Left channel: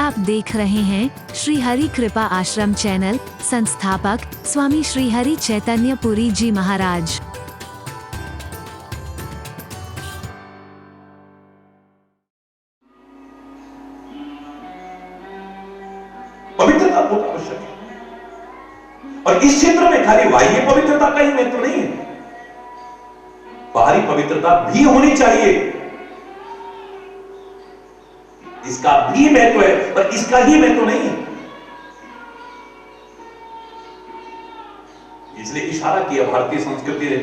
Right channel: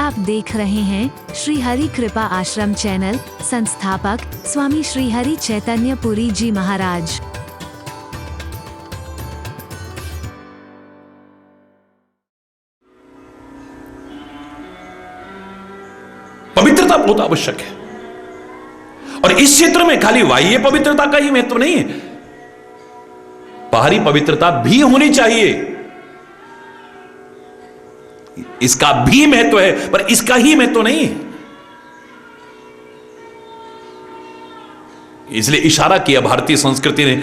आप देख रहे हैं श्री हरि कृपा आश्रम चैनल। संस्थापक स्वामी श्री हरि चैतन्य पुरी जी महाराज। पवित्रता बहुत आवश्यक है और इस क्षेत्र में खाली बाह्य पवित्रता का ही महत्व नहीं है, बाहरी पवित्रता भी होनी चाहिए। इसका भी महत्व है पर इसका ही महत्व नहीं है। इसलिए इशारा किया भारतीय संस्कृति ने,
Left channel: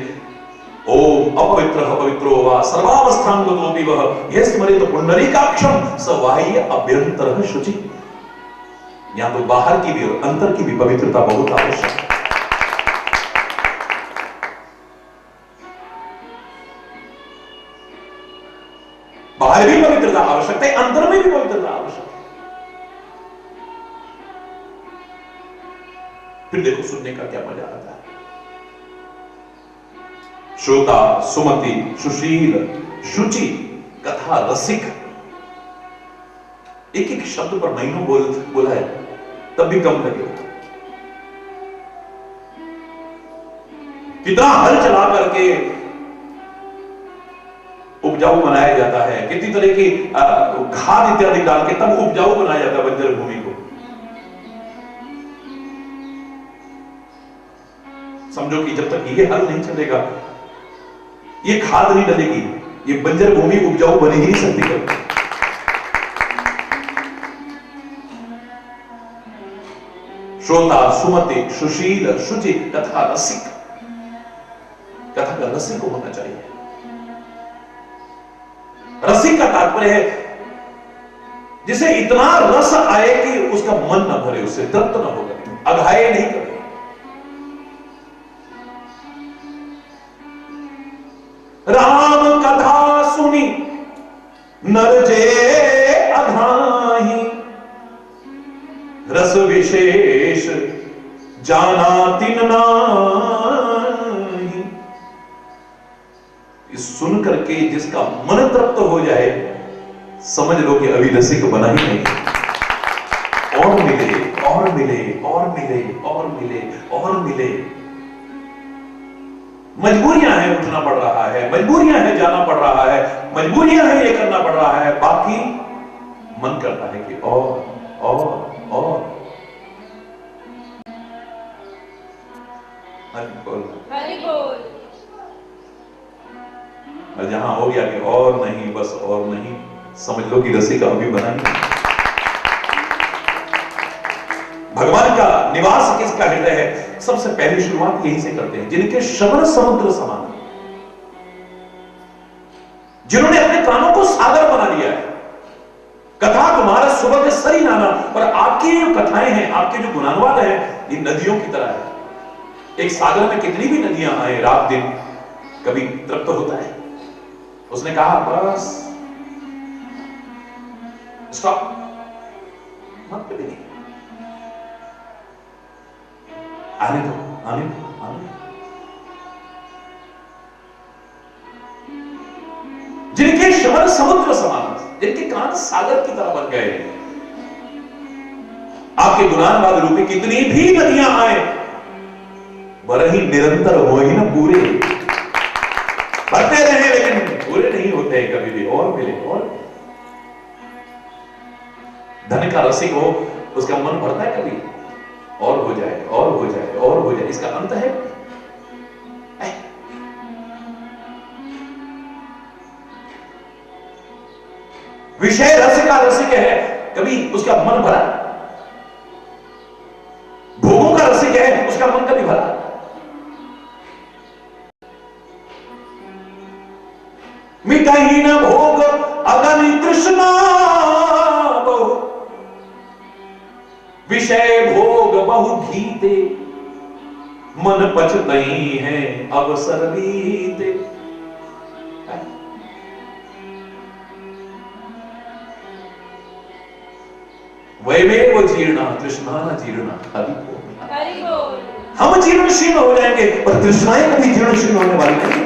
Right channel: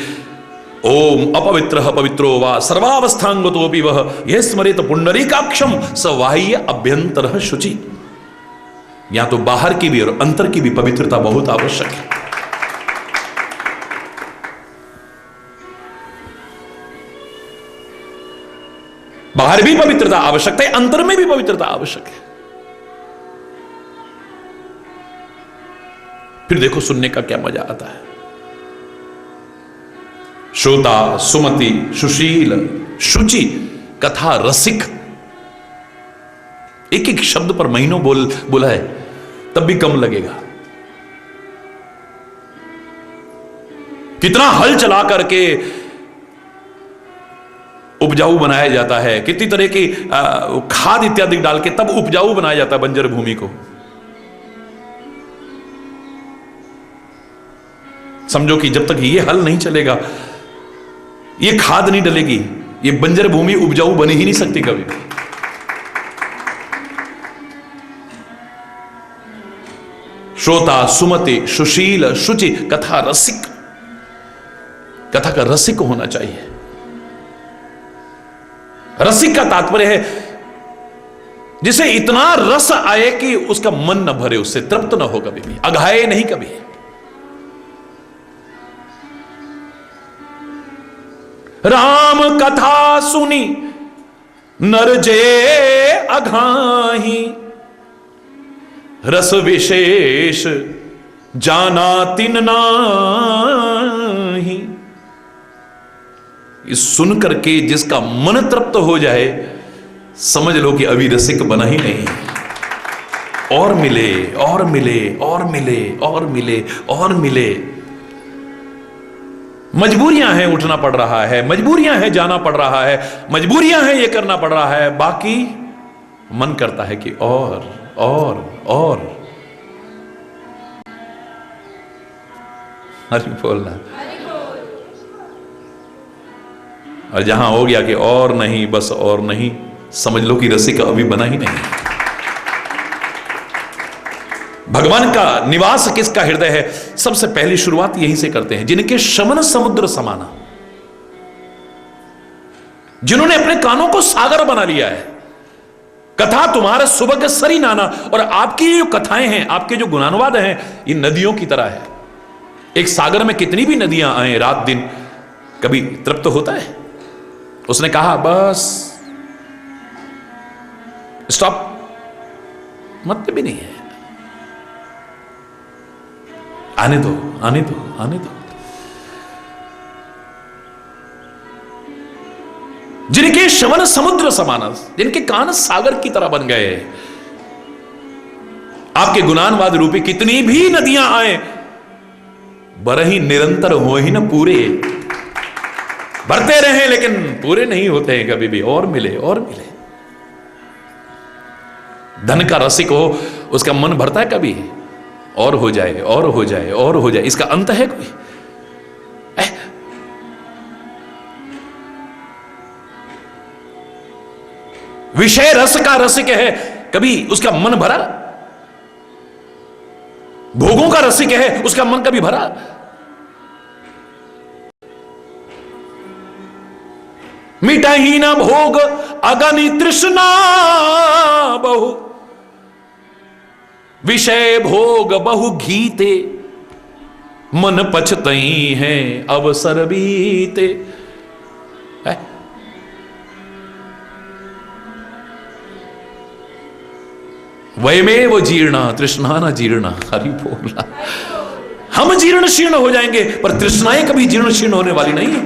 ओम अपवित्रः पवित्रो वा सर्वावस्थांगतोऽपि वः यः स्मरेत पुंडरीकाक्षं स बाह्य अभ्यंतरः शुचि। यहां तो बाहर की भी और अंतर की भी पवित्रता बहुत आवश्यक है। बाहर भी पवित्रता आवश्यक है, अंतर में भी पवित्रता आवश्यक है। फिर देखो सुनने का क्या मजा आता है। श्रोता, सुमति, सुशील, शुचि, कथा रसिक, एक एक शब्द पर महीनों बोला है तब भी कम लगेगा। कितना हल चला करके उपजाऊ बनाया जाता है, कितनी तरह की खाद इत्यादि डाल के तब उपजाऊ बनाया जाता है बंजर भूमि को। समझो कि जब तक ये हल नहीं चलेगा, ये खाद नहीं डलेगी, ये बंजर भूमि उपजाऊ बनी ही नहीं सकती कभी। श्रोता, सुमति, सुशील, शुचि, कथा रसिक, कथा का रसिक होना चाहिए। रसिक का तात्पर्य है जिसे इतना रस आए कि उसका मन न भरे, उससे तृप्त न हो, कभी भी अघाए नहीं कभी। राम कथा सुनी नर जे अघाही, रस विशेष जाना तिन नाही। इस सुन करके जिसका मन तृप्त हो जाए, समझ लो कि अभी रसिक बना ही नहीं। और मिले और मिले और मिले और मिले और मिले। मजबूरियां हैं, उठना पड़ रहा है, मजबूरियां हैं, जाना पड़ रहा है, मजबूरियां हैं, ये करना पड़ रहा है, बाकी मन करता है कि और हरि बोलना। और जहां हो गया कि और नहीं, बस और नहीं, समझ लो कि रसिक अभी बना ही नहीं। भगवान का निवास किसका हृदय है? सबसे पहली शुरुआत यहीं से करते हैं, जिनके शमन समुद्र समाना, जिन्होंने अपने कानों को सागर बना लिया है। कथा तुम्हारे सुबह के सरी नाना, और आपकी जो कथाएं हैं, आपके जो गुणानुवाद हैं, ये नदियों की तरह है। एक सागर में कितनी भी नदियां आए रात दिन, कभी तृप्त होता है? उसने कहा बस स्टॉप, मतलब भी नहीं है, आने दो आने दो आने दो। जिनके शमन समुद्र समाना, जिनके कान सागर की तरह बन गए, आपके गुणानुवाद रूपी कितनी भी नदियां आए, बरही निरंतर हो ही ना पूरे, भरते रहे लेकिन पूरे नहीं होते हैं कभी भी। और मिले और मिले। धन का रसिक हो, उसका मन भरता है कभी? और हो जाए और हो जाए और हो जाए, इसका अंत है कोई? विषय रस का रसिक है, कभी उसका मन भरा? भोगों का रसिक है, उसका मन कभी भरा? मिटाही ना भोग अगनि तृष्णा बहु, विषय भोग बहु घीते, मन पछतई है अवसर बीते। वयमेव जीर्णा तृष्णा न जीर्णा। हरि बोला। हम जीर्ण शीर्ण हो जाएंगे पर तृष्णाएं कभी जीर्ण शीर्ण होने वाली नहीं।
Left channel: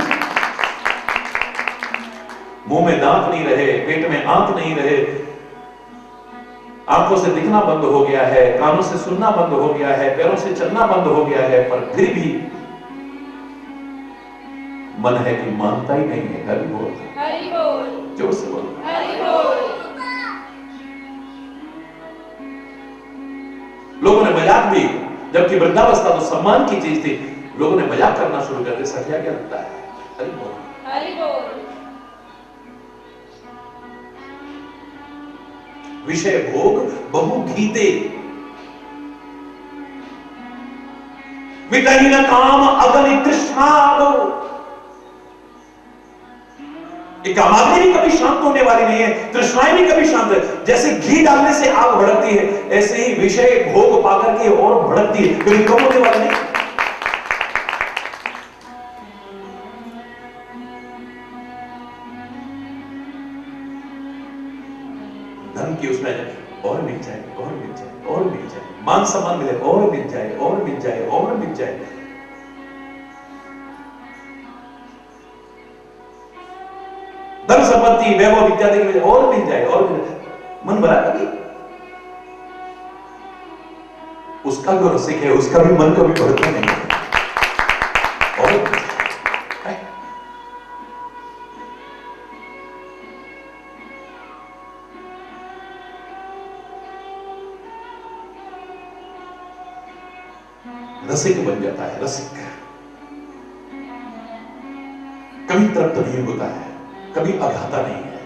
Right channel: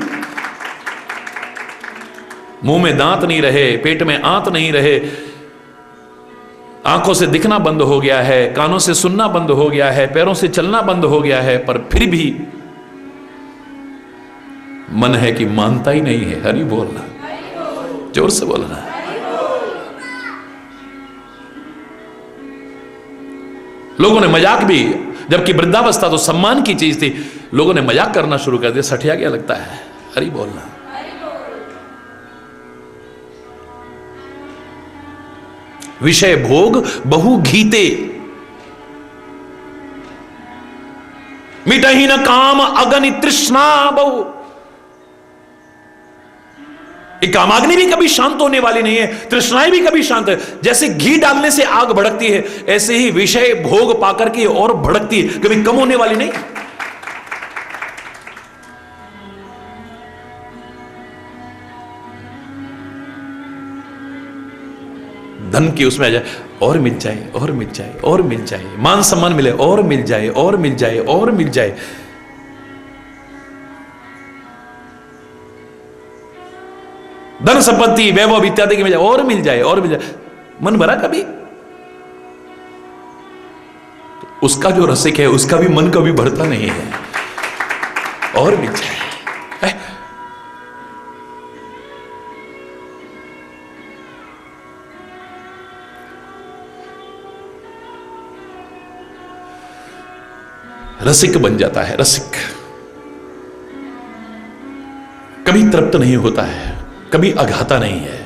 मुंह में दांत नहीं रहे, पेट में आंत नहीं रहे, आंखों से दिखना बंद हो गया है, कानों से सुनना बंद हो गया है, पैरों से चलना बंद हो गया है, पर फिर भी मन है कि मानता ही नहीं है। हरि बोलना, जोर से बोलना। लोगों ने मजाक भी, जबकि वृद्धावस्था तो सम्मान की चीज थी, लोगों ने मजाक करना शुरू कर दिया। सठिया क्या लगता है? हरि बोलना। विषय भोग बहु घीते, मिटही न काम अगन तृष्णा बहु। कामाग्नि भी कभी शांत होने वाली नहीं है, तृष्णाएं भी कभी शांत है। जैसे घी डालने से आग भड़कती है, ऐसे ही विषय भोग पाकर के और भड़कती है, कभी कम होने वाली नहीं। धन की उसमें आ जाए, और मिल जाए, और मिल जाए, और मिल जाए, मान सम्मान मिले, और मिल जाए, और मिल जाए, और मिल जाए। धन संपत्ति वैभव इत्यादि की वजह, और मिल जाए, और मिल जाए। मन भरा कभी? तो उसका जो रसिक है उसका भी मन कभी भरता नहीं है। और मिल जाए। रसिक बन जाता है, रसिक कभी तृप्त नहीं होता है, कभी अघाता नहीं है।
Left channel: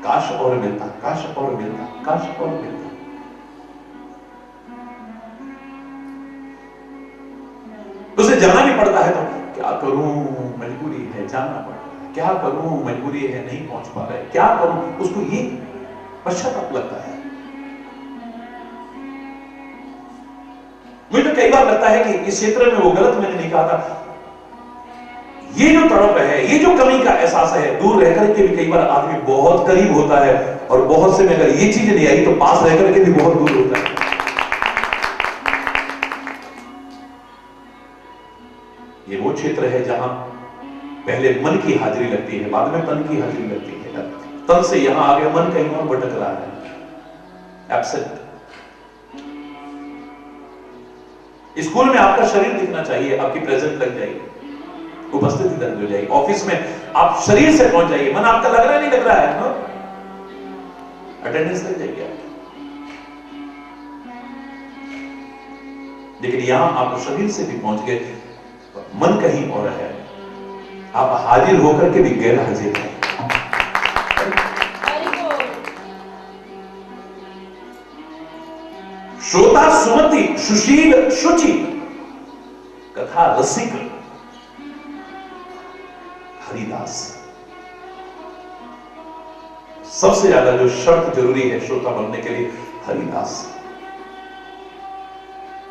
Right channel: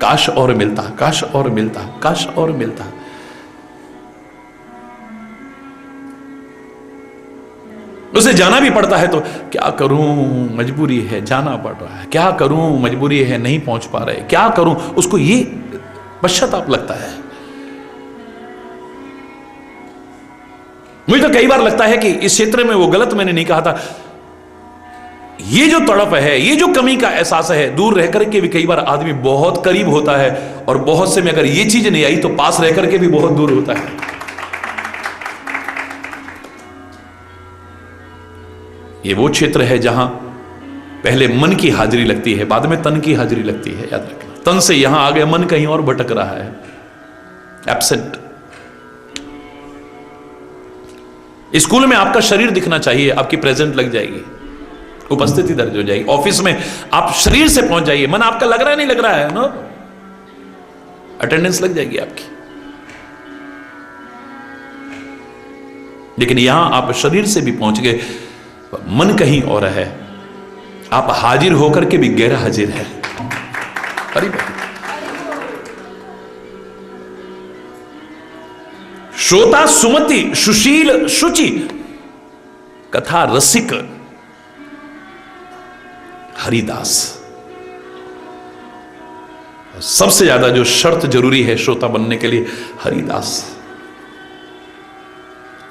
काश और मिलता, काश और मिलता, काश और मिलता। उसे जाना भी पड़ता है तो क्या करूं, मजबूरी है, जाना पड़ रहा है। क्या करूं, मजबूरी है, नहीं पहुंच पा रहे। क्या करूं, उसको ये पश्चाताप लगता है। मुझे तो कई बार लगता है कि इस क्षेत्र में वो गलत मैंने नहीं कहा था। ये जो तड़प है, ये जो कमी का एहसास है, दूर रह करके भी कई बार आदमी बहुत करीब होता है, और बहुत से में अगर ये चीज नहीं आई तो पास रह करके भी बहुत दूर होता है। ये वो क्षेत्र है जहां पहले मन की हाजिरी लगती है, बाद में तन की हाजिरी लगती है। याद रखना, तन से यहां आ गया, मन कहीं और भटक रहा है, एब्सेंट। स्कूल में आपका शरीर दिखना चाहिए, आपकी प्रेजेंट लग जाएगी, उपस्थिति दर्ज हो जाएगी। ऑफिस में आप शरीर से पहुंच जाइए, मन आपका लग रहा है, नहीं लग रहा है ना, अटेंडेंस लग जाएगी आपकी। लेकिन यहां आप शरीर से भी पहुंच गए, मन कहीं और है, आप हाजिर होकर के भी गैर हाजिर है। श्रोता सुमति सुशील शुचि, कथा रसिक हरिदास। सबसे ज्यादा जो शर्त जरूरी है श्रोता बनने के लिए, हरिदास।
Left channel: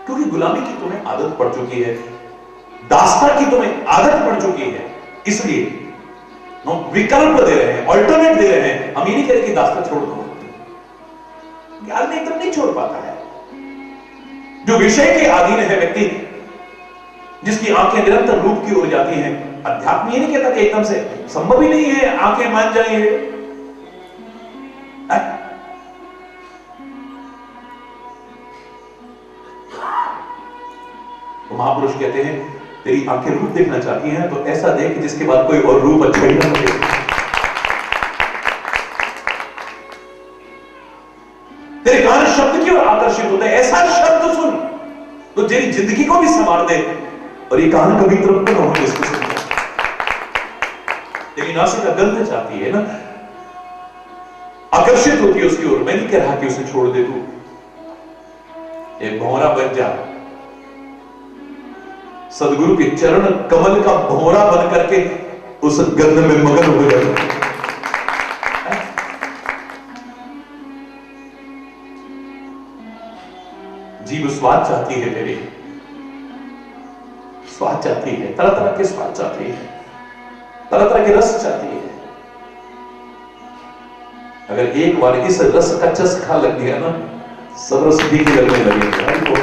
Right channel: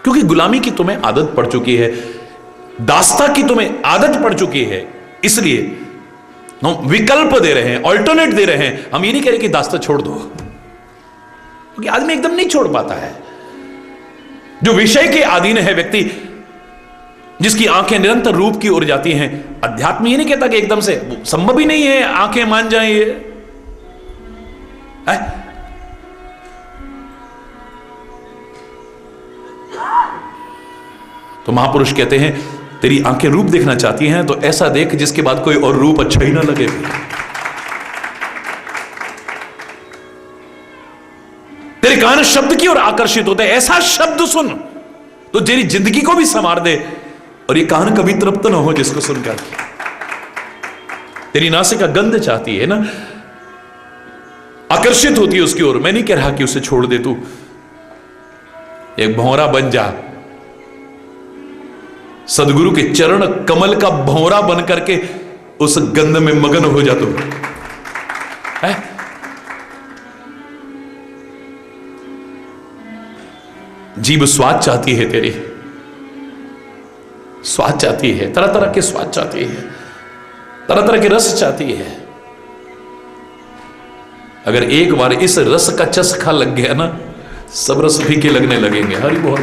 क्योंकि गुलामी की तुम्हें आदत पड़ चुकी है, दास्ता की तुम्हें आदत पड़ चुकी है, इसलिए विकल्प दे रहे हैं, ऑल्टरनेट दे रहे हैं। हम ये नहीं कह रहे कि दास्ता छोड़ दो, क्योंकि आदमी एकदम नहीं छोड़ पाता है। जो विषय के अधीन है व्यक्ति, जिसकी आंखें निरंतर रूप की ओर जाती हैं, अध्यात्म ये नहीं कहता कि एकदम से, संभव ही नहीं है आंखें मान जाए। तो महापुरुष कहते हैं, तेरी आंखें रूप देखना चाहती हैं तो ऐसा देख जिसके बाद कोई और रूप अच्छा ही ना लगे। तेरे कान शब्द की ओर आकर्षित होते हैं, ऐसा शब्द सुन तो तेरी जिंदगी को भी संवार दे, और ये कान कभी तृप्त ना हो जिसको सुनकर। तेरी नासिका गंध चाहती है ना, आकर्षित होती है उसकी ओर। मैं नहीं कह रहा कि उसे छोड़ दे, तू एक भौरा बन जा, सदगुरु के चरण कमल का भौरा बन करके उस गंध में मगन हो जा तू। जीभ स्वाद चाहती है, तेरे स्वाद चाहती है, तरह तरह के स्वाद चाहती है, तरह तरह के रस चाहती है। अगर एक बार इस रस का चस्का लग गया ना, सब रस फीके लगने लगेंगे। हरि बोल।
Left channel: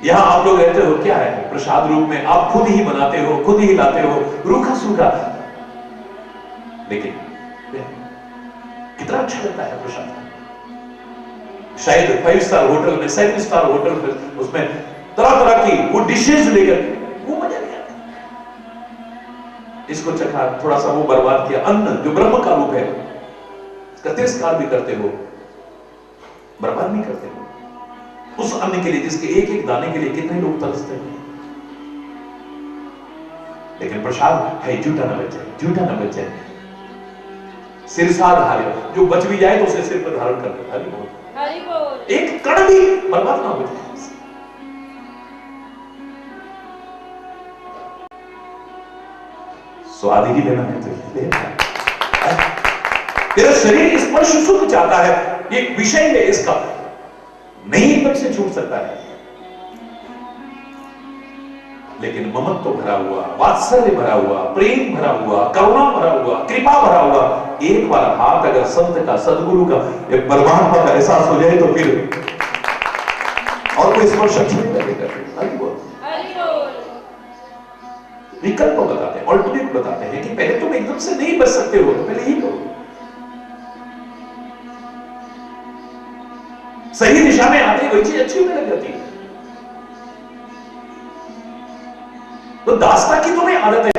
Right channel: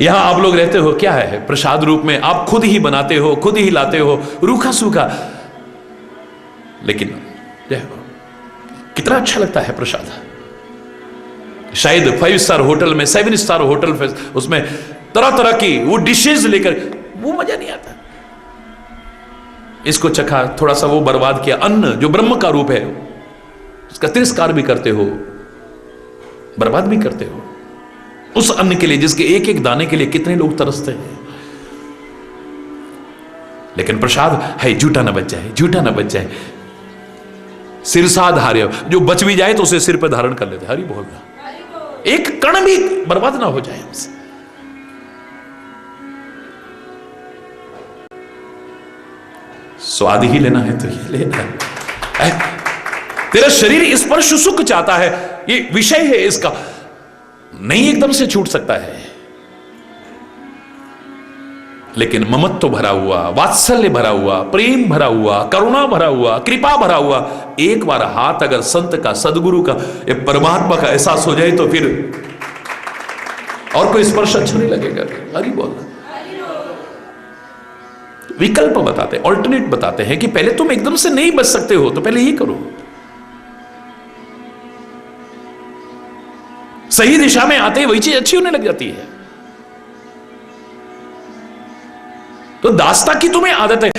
यहां आप लोग रहते हो, क्या है प्रसाद रूप में आप खुद ही बनाते हो, खुद ही लाते हो, रूखा सूखा। लेकिन कितना अच्छा लगता है प्रसाद। शायद 5 स्टार होटल में, 7 स्टार होटल में, उसमें तरह तरह की वो डिशेज लेकर, वो मजा नहीं आता। इसको चखा, थोड़ा सा वो बर्बाद किया। अन्न जो ब्रह्म का रूप है उसका तिरस्कार भी करते हो, बर्बाद भी करते हो। उस अन्न के लिए जिसके एक एक दाने के लिए कितने लोग तरसते हैं। लेकिन प्रसाद है झूठा न बच जाए, झूठा न बच जाए। सिरसा धार्य, जो बच भी जाए तो उसे सिर पर धारण कर लेते। हरि बोल, एक कण भी बर्बाद ना हो जाए हमसे। स्वाद ही लेना है तो ये ले। तेरा शरीर इस पर सुख चाहता है, ये विषय है इसका, नहीं एकदम से छूट सकता है। लेकिन ममत्व भरा हुआ, वात्सल्य भरा हुआ, प्रेम भरा हुआ, करुणा भरा हुआ, कृपा भरा हुआ, एक बार हाथ अगर संत का, सदगुरु का, परमात्मा का एहसास हो जाए तो फिर और कोई स्पर्श अच्छा नहीं लगेगा। हरि बोल। विकल्प बताते, ऑल्टरनेट बताते हैं कि पहले तुम एकदम से नहीं बच सकते हो तो पहले ये करो। सही दिशा में आते वही चीज अच्छी होने लग जाती है। तो दासता की तुम्हें आदत है।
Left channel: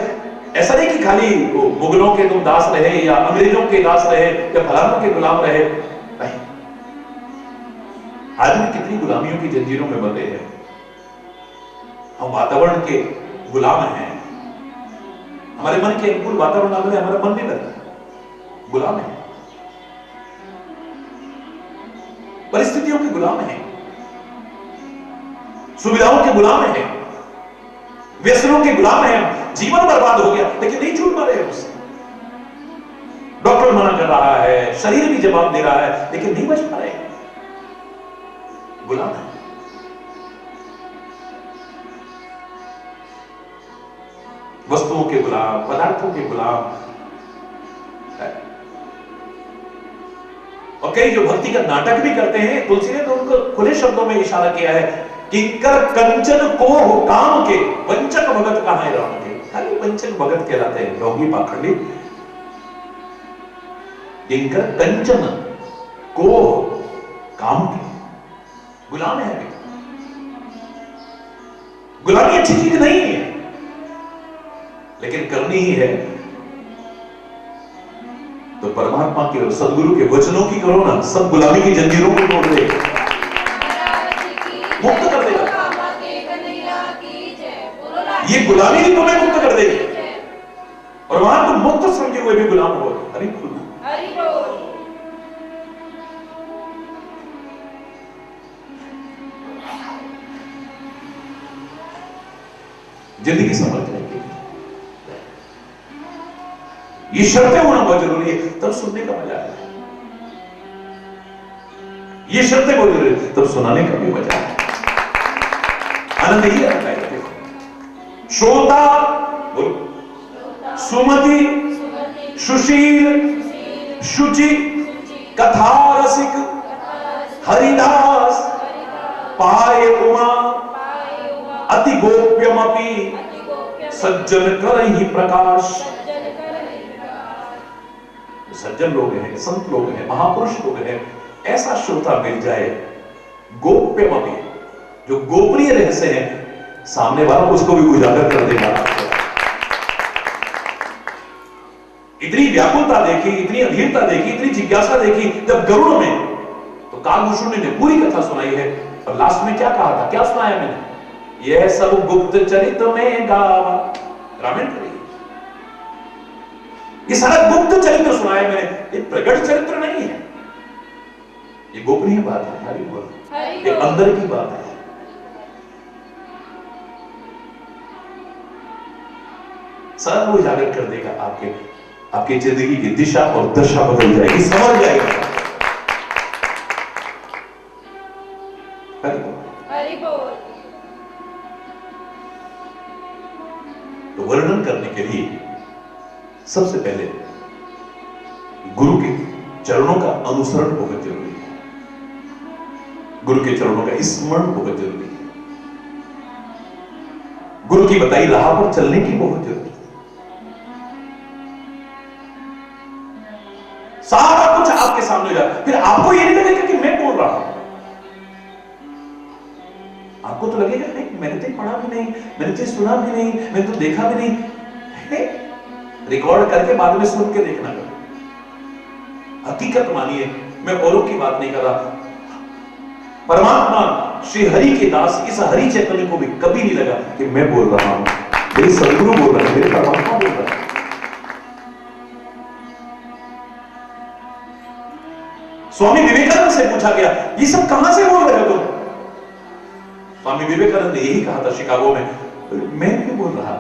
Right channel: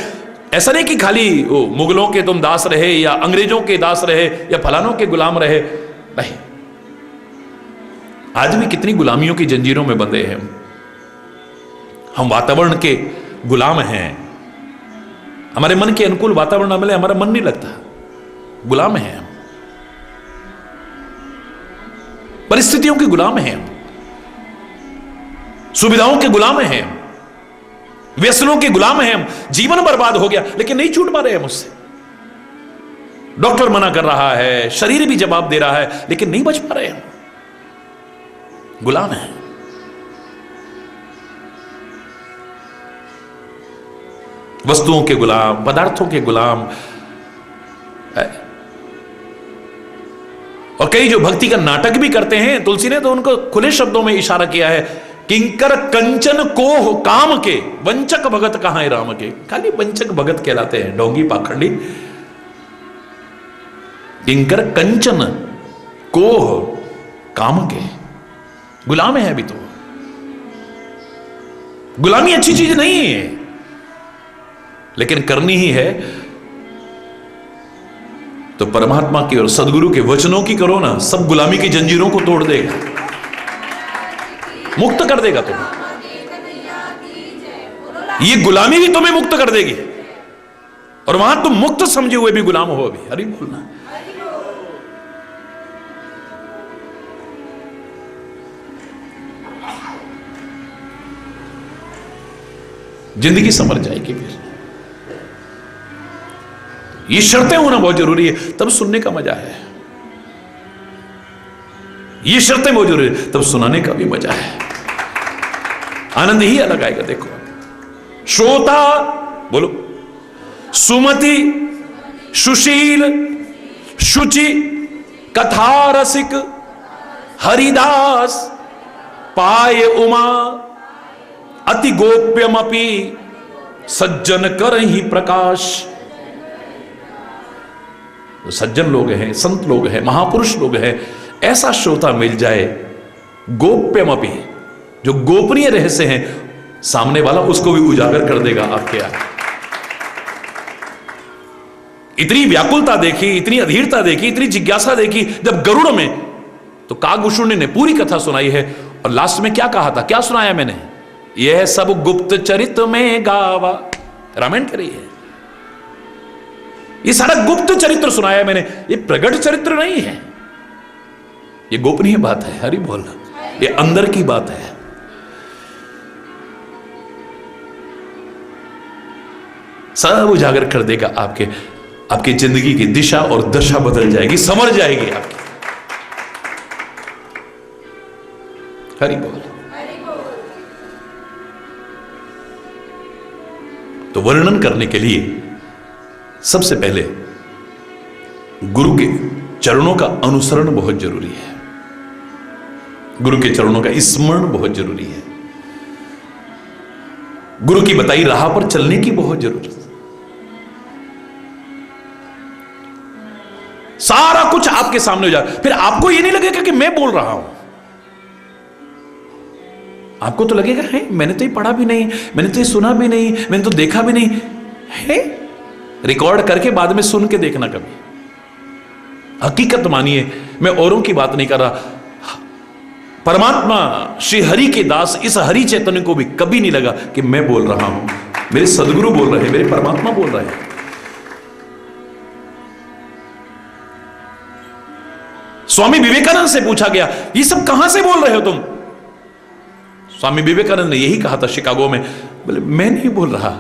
ऐसा नहीं कि खाली वो मुगलों के तुम दास रहे या अंग्रेजों के दास रहे या फलानों के गुलाम रहे, नहीं। आज भी कितनी गुलामियों की जंजीरों में बंधे हैं हम। वातावरण के गुलाम हैं। हमारे मन के अनुकूल वातावरण न मिले हमारा मन नहीं लगता, गुलाम हैं हम। परिस्थितियों के गुलाम हैं हम, सुविधाओं के गुलाम हैं, व्यसनों के गुलाम हैं हम। जीवन बर्बाद हो गया लेकिन नहीं छूट पा रहे हैं मुझसे। डॉक्टर मना कर रहा है, शरीर भी जवाब दे रहा है, लेकिन नहीं बच पा रहे हैं, गुलाम हैं। वस्तुओं के गुलाम, पदार्थों के गुलाम। और कई जो भक्ति का नाटक भी करते हैं, तुलसी ने तो उनको खुले शब्दों में इशारा किया है, किंकर कंचन को हो काम के, वंचक भगत कहां है राम के। खाली वंचक भगत कहलाते हैं, ढोंगी पाखंडी। किंकर कंचन को हो काम के, गुलाम है अभी तो। गुलामी अच्छी चीज नहीं है, लेकिन करनी ही है तो परमात्मा की और सदगुरु के वचनों की करो ना। सब गुलामी की जंजीरों को तोड़ देगा, मुक्त कर देगा तुम्हें। ये गुलामी भी तुम्हें मुक्त कर देगी और वहां तुम मुक्त समझे हुए भी गुलाम हो अभी। हरि बोलना। जिंदगी समझ जाएगी फिर। ये शर्तें होना बहुत जरूरी है, तब सुनने का मजा है। ये शर्तें बहुत जरूरी है, तब सुनाने का भी मजा है। आनंद ही अलग आएगा। देखो, श्रोता बोलो, सुमति, सुशील, शुचि, कथा रसिक, हरिदास, पाए उमा, अति गोप्यमपि, सज्जन करहि प्रकाश। तो सज्जन लोग हैं, संत लोग हैं, महापुरुष लोग हैं, ऐसा श्रोता मिल जाए, गोप्यमपि, जो गोपनीय रहस्य हैं, सामने वाला उसको भी उजागर कर देगा आपके यहाँ। इतनी व्याकुलता देखी, इतनी अधीरता देखी, इतनी जिज्ञासा देखी जब गरुड़ में, तो कागभूषुंडी ने पूरी कथा सुनाई है। और लास्ट में क्या कहा था, क्या सुनाया मैंने, यह सब गुप्त चरित में गावा। रामायण कह रही है, ये सारा गुप्त चरित्र सुनाया मैंने, ये प्रगट चरित्र नहीं है, ये गोपनीय बात है। हरि बोल, ये अंदर की बात है। सब उजागर कर देगा आपकी जिंदगी की दिशा और दशा बदल जाएगी, समझ जाएगा। हरि बोल। तो वर्णन करने के लिए सबसे पहले गुरु के चरणों का अनुसरण बहुत जरूरी है, गुरु के चरणों का स्मरण बहुत जरूरी है, गुरु की बताई राह पर चलने की बहुत जरूरत है। सारा कुछ आपके सामने हो जाए, फिर आपको ये नहीं लगेगा कि मैं बोल रहा हूं। आपको तो लगेगा है मैंने तो ये पढ़ा भी नहीं, मैंने तो ये सुना भी नहीं, मैंने तो देखा भी नहीं है। रिकॉर्ड करके बाद में सुन के देखना कभी। हकीकत मानिए, मैं औरों की बात नहीं कर रहा। परमात्मा श्री हरि के दास इस हरि चैतन्य को भी कभी नहीं लगा कि मैं बोल रहा हूं, मेरे सदगुरु बोल रहे हैं, मेरे परमात्मा बोल रहे हैं। स्वामी विवेकानंद से पूछा गया ये सब कहां से बोल रहे हो तुम? स्वामी विवेकानंद ने यही कहा था शिकागो में, बोले मैं नहीं बोल रहा,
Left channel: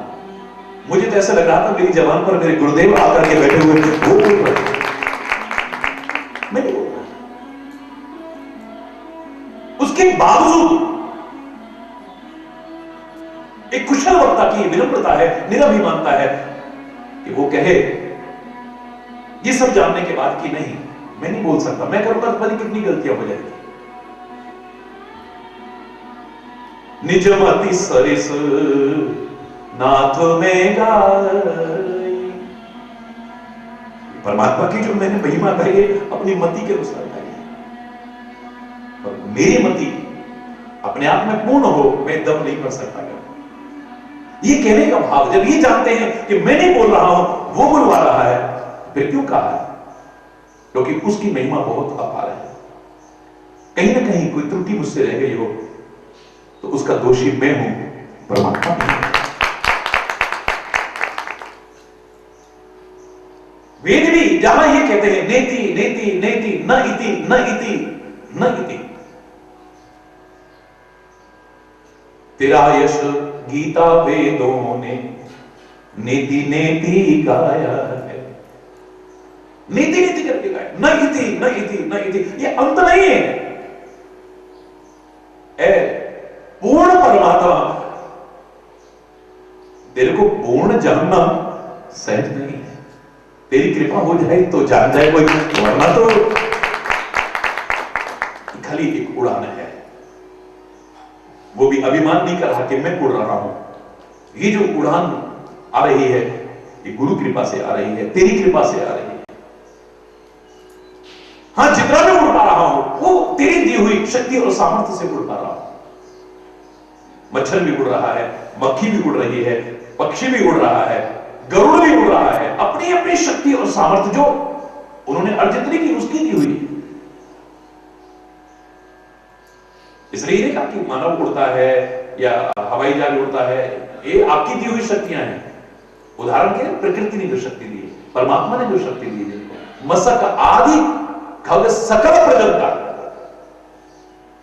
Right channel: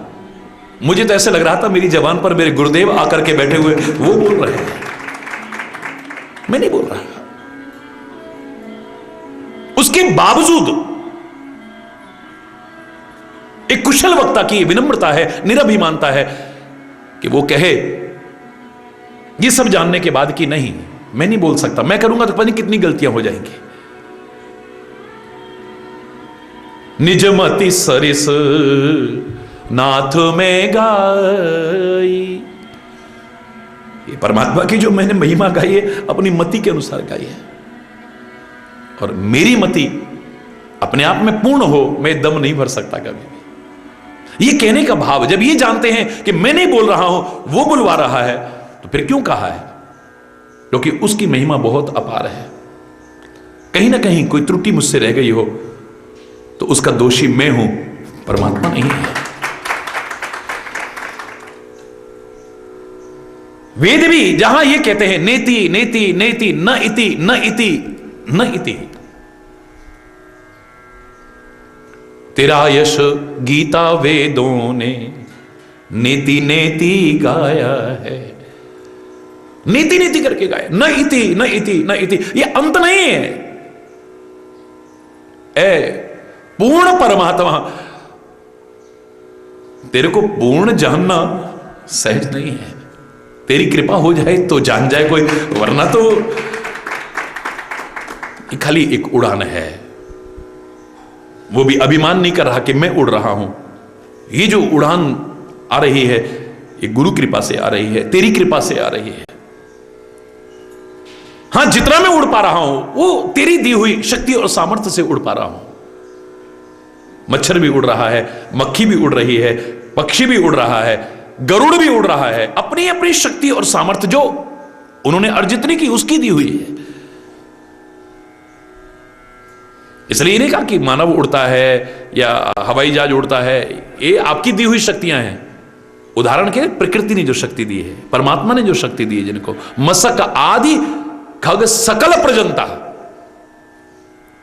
मुझे तो ऐसे लग रहा था मेरी जबान पर मेरे गुरुदेव आकर के बैठे हुए वो बोल रहे हैं, मैं नहीं बोल रहा। उसके बावजूद एक कुशल वक्ता की विनम्रता है, निरभिमानता है कि वो कहे ये सब जानने के बाद कि नहीं मैं नहीं बोल सकता, मैं करूंगा तो पता नहीं कितनी गलतियां हो जाएंगी। निजमति सरिस नाथ में गाई, ये परमात्मा की जो मैंने महिमा गाई है अपनी मति के अनुसार गाई है, और मेरी मति अपने आप में पूर्ण हो मैं दम नहीं भर सकता कभी। ये कहने का भाव, जब ये जानते हैं कि मैं नहीं बोल रहा हूं वो बुलवा रहा है, तो फिर क्यों कहा है? क्योंकि उसकी महिमा बहुत अपार है। कहीं ना कहीं कोई त्रुटि मुझसे रह गई हो तो उसका दोषी मैं हूं, परमात्मा नहीं है। वेद भी जहां ये कहते हैं नेति नेति नेति न इति न इति न इति, तेरा यश गीता वेदों ने नेति नेति गाया है। नीति नीति करके गाए, न इति न इति न इति, ये अंत नहीं है। पूर्ण परमात्मा, तेरे को पूर्ण जानना सहज नहीं है। तेरी कृपा हो जाए तो जान जाए कोई, वरना तो खाली एक उड़ान है। वो भी अभिमान नहीं कर रहा कि मैं उड़ रहा हूं। ये जो उड़ान आ रही है ये गुरु कृपा से आ रही है, तेरी कृपा से आ रही है। हां, जितना मैं उड़ पा रहा हूं वो तेरी दी हुई शक्ति और सामर्थ्य से उड़ पा रहा हूं। मच्छर भी उड़ रहा है, मक्खी भी उड़ रही है, पक्षी भी उड़ रहा है, गरुड़ भी उड़ रहा है, अपनी अपनी शक्ति और सामर्थ्य जो उन्होंने अर्जित नहीं की उसकी दी हुई है। इसलिए नहीं कहा कि मानव उड़ता है या हवाई जहाज उड़ता है, ये आपकी दी हुई शक्तियां हैं। उदाहरण के लिए प्रकृति ने जो शक्ति दी है, परमात्मा ने जो शक्ति दी है, जिनको मसक आदि खग सकल प्रजनता,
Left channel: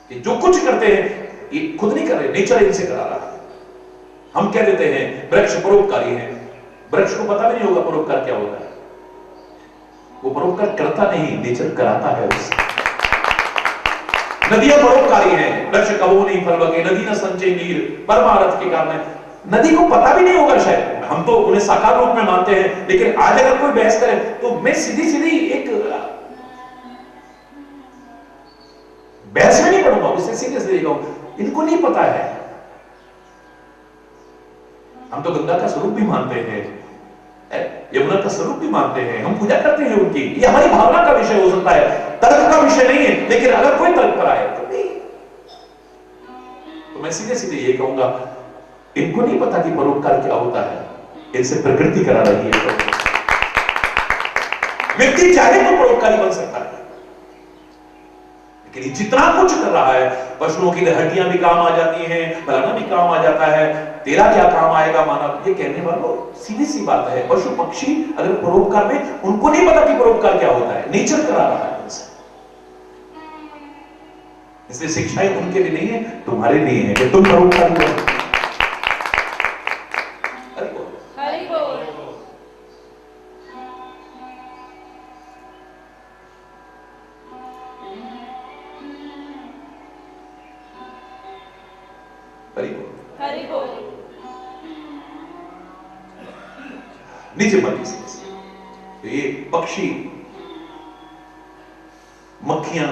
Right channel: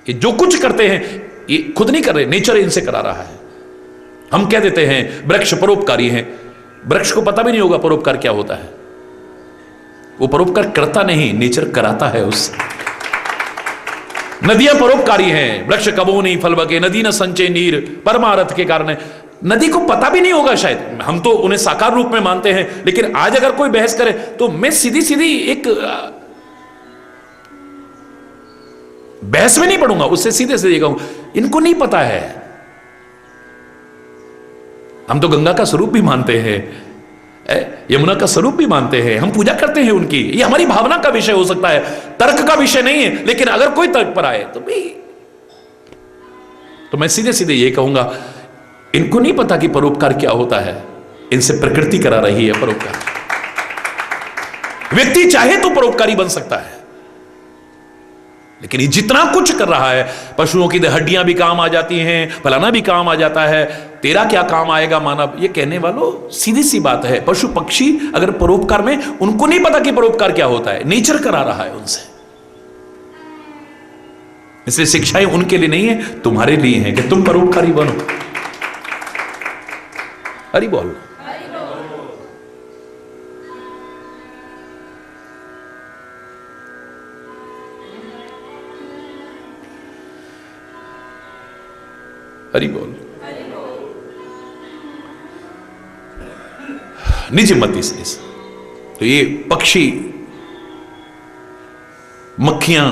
ये जो कुछ करते हैं ये खुद नहीं कर रहे, नेचर इनसे करा रहा है। हम कह देते हैं वृक्ष परोपकारी हैं, वृक्ष को पता भी नहीं होगा परोपकार क्या होता है। वो परोपकार करता नहीं, नेचर कराता है उससे। नदियां परोपकारी हैं, वृक्ष कबो नहीं फल बगे, नदी न संचय नीर, परमारथ के कारण। नदी को पता भी नहीं होगा शायद, हम तो उन्हें साकार रूप में मानते हैं, लेकिन आज अगर कोई बहस करे तो मैं सीधी सीधी एक बहस में नहीं पढ़ूंगा, उससे सीधे सीधे कहूं इनको नहीं पता है। हम तो गंगा का स्वरूप भी मानते हैं, यमुना का स्वरूप भी मानते हैं, हम पूजा करते हैं उनकी। ये हमारी भावना का विषय हो सकता है, तर्क का विषय नहीं है। लेकिन अगर कोई तर्क पर आए तो मैं सीधे सीधे ये कहूंगा इनको नहीं पता कि परोपकार क्या होता है, इनसे प्रकृति करा रही है परोपकार। व्यक्ति चाहे तो परोपकारी बन सकता है, लेकिन ये जितना कुछ कर रहा है, पशुओं की हड्डियां भी काम आ जाती हैं, फलाना भी काम आ जाता है, तेरा क्या काम आएगा मानव, ये कहने वालों सीधी सी बात है। पशु पक्षी अगर परोपकार में, उनको नहीं पता कि परोपकार क्या होता है, नेचर करा रहा है उनसे। इसलिए शिक्षाएं उनके लिए नहीं है, तुम्हारे लिए है कि तुम परोपकारी बनो। हरि बोल। हरि बोल। निज मति से, तो ये पक्षी, मक्खियां,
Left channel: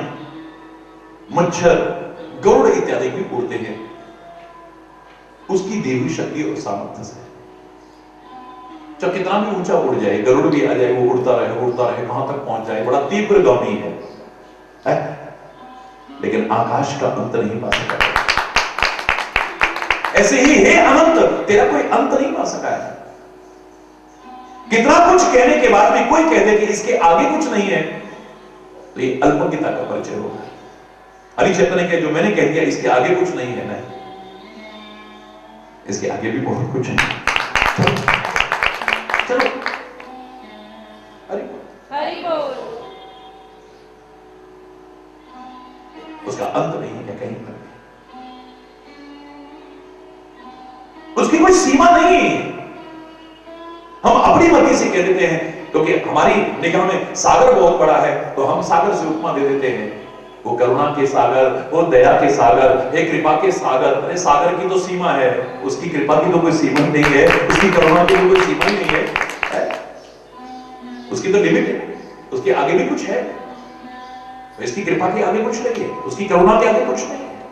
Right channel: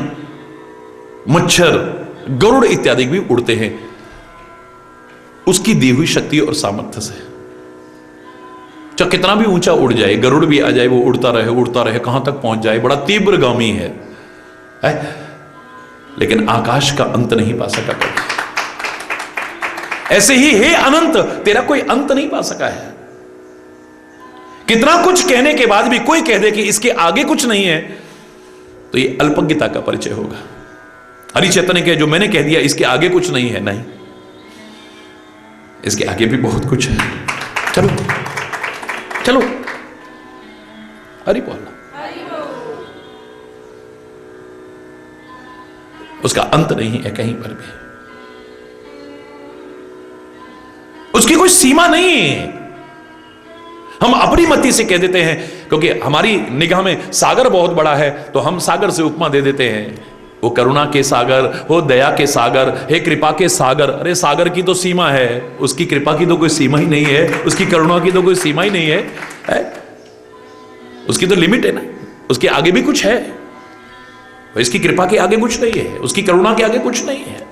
मच्छर, गरुड़ इत्यादि भी उड़ते हैं उसकी दी हुई शक्ति और सामर्थ्य से। चाहे कितना भी ऊंचा उड़ जाए, गरुड़ भी आ जाए, वो उड़ता रहे, कहां तक पहुंच जाए, बड़ा तीव्रगामी है? लेकिन आकाश का अंत नहीं पा सका। ऐसे ही हे अनंत, तेरा कोई अंत नहीं पा सका है। कितना कुछ कहने के बाद भी कोई कह दे कि इसके आगे कुछ नहीं है, तो ये अल्पज्ञता का परिचय होगा। हरि चैतन्य के जो मैंने कह दिया इसके आगे कुछ नहीं है, नहीं, इसके आगे भी बहुत कुछ है। चलो चलो, हरि बोल। उसका अंत नहीं है कहीं पर भी, उसकी कोई सीमा नहीं है। हम अपनी मति से कह देते हैं, क्योंकि हमारी निगाह में सागर बहुत बड़ा है, तो हम सागर से उपमा दे देते हैं, वो करुणा के सागर, वो दया के सागर, हे कृपा के सागर। अरे सागर की तो सीमा है, उसकी कृपा की तो कोई सीमा ही नहीं है, उसकी करुणा की तो कोई सीमा ही नहीं है, उसकी तो लिमिट है ना, उसके आगे भी कुछ है। इसकी कृपा के आगे कुछ नहीं है, उसकी करुणा के आगे कुछ नहीं है।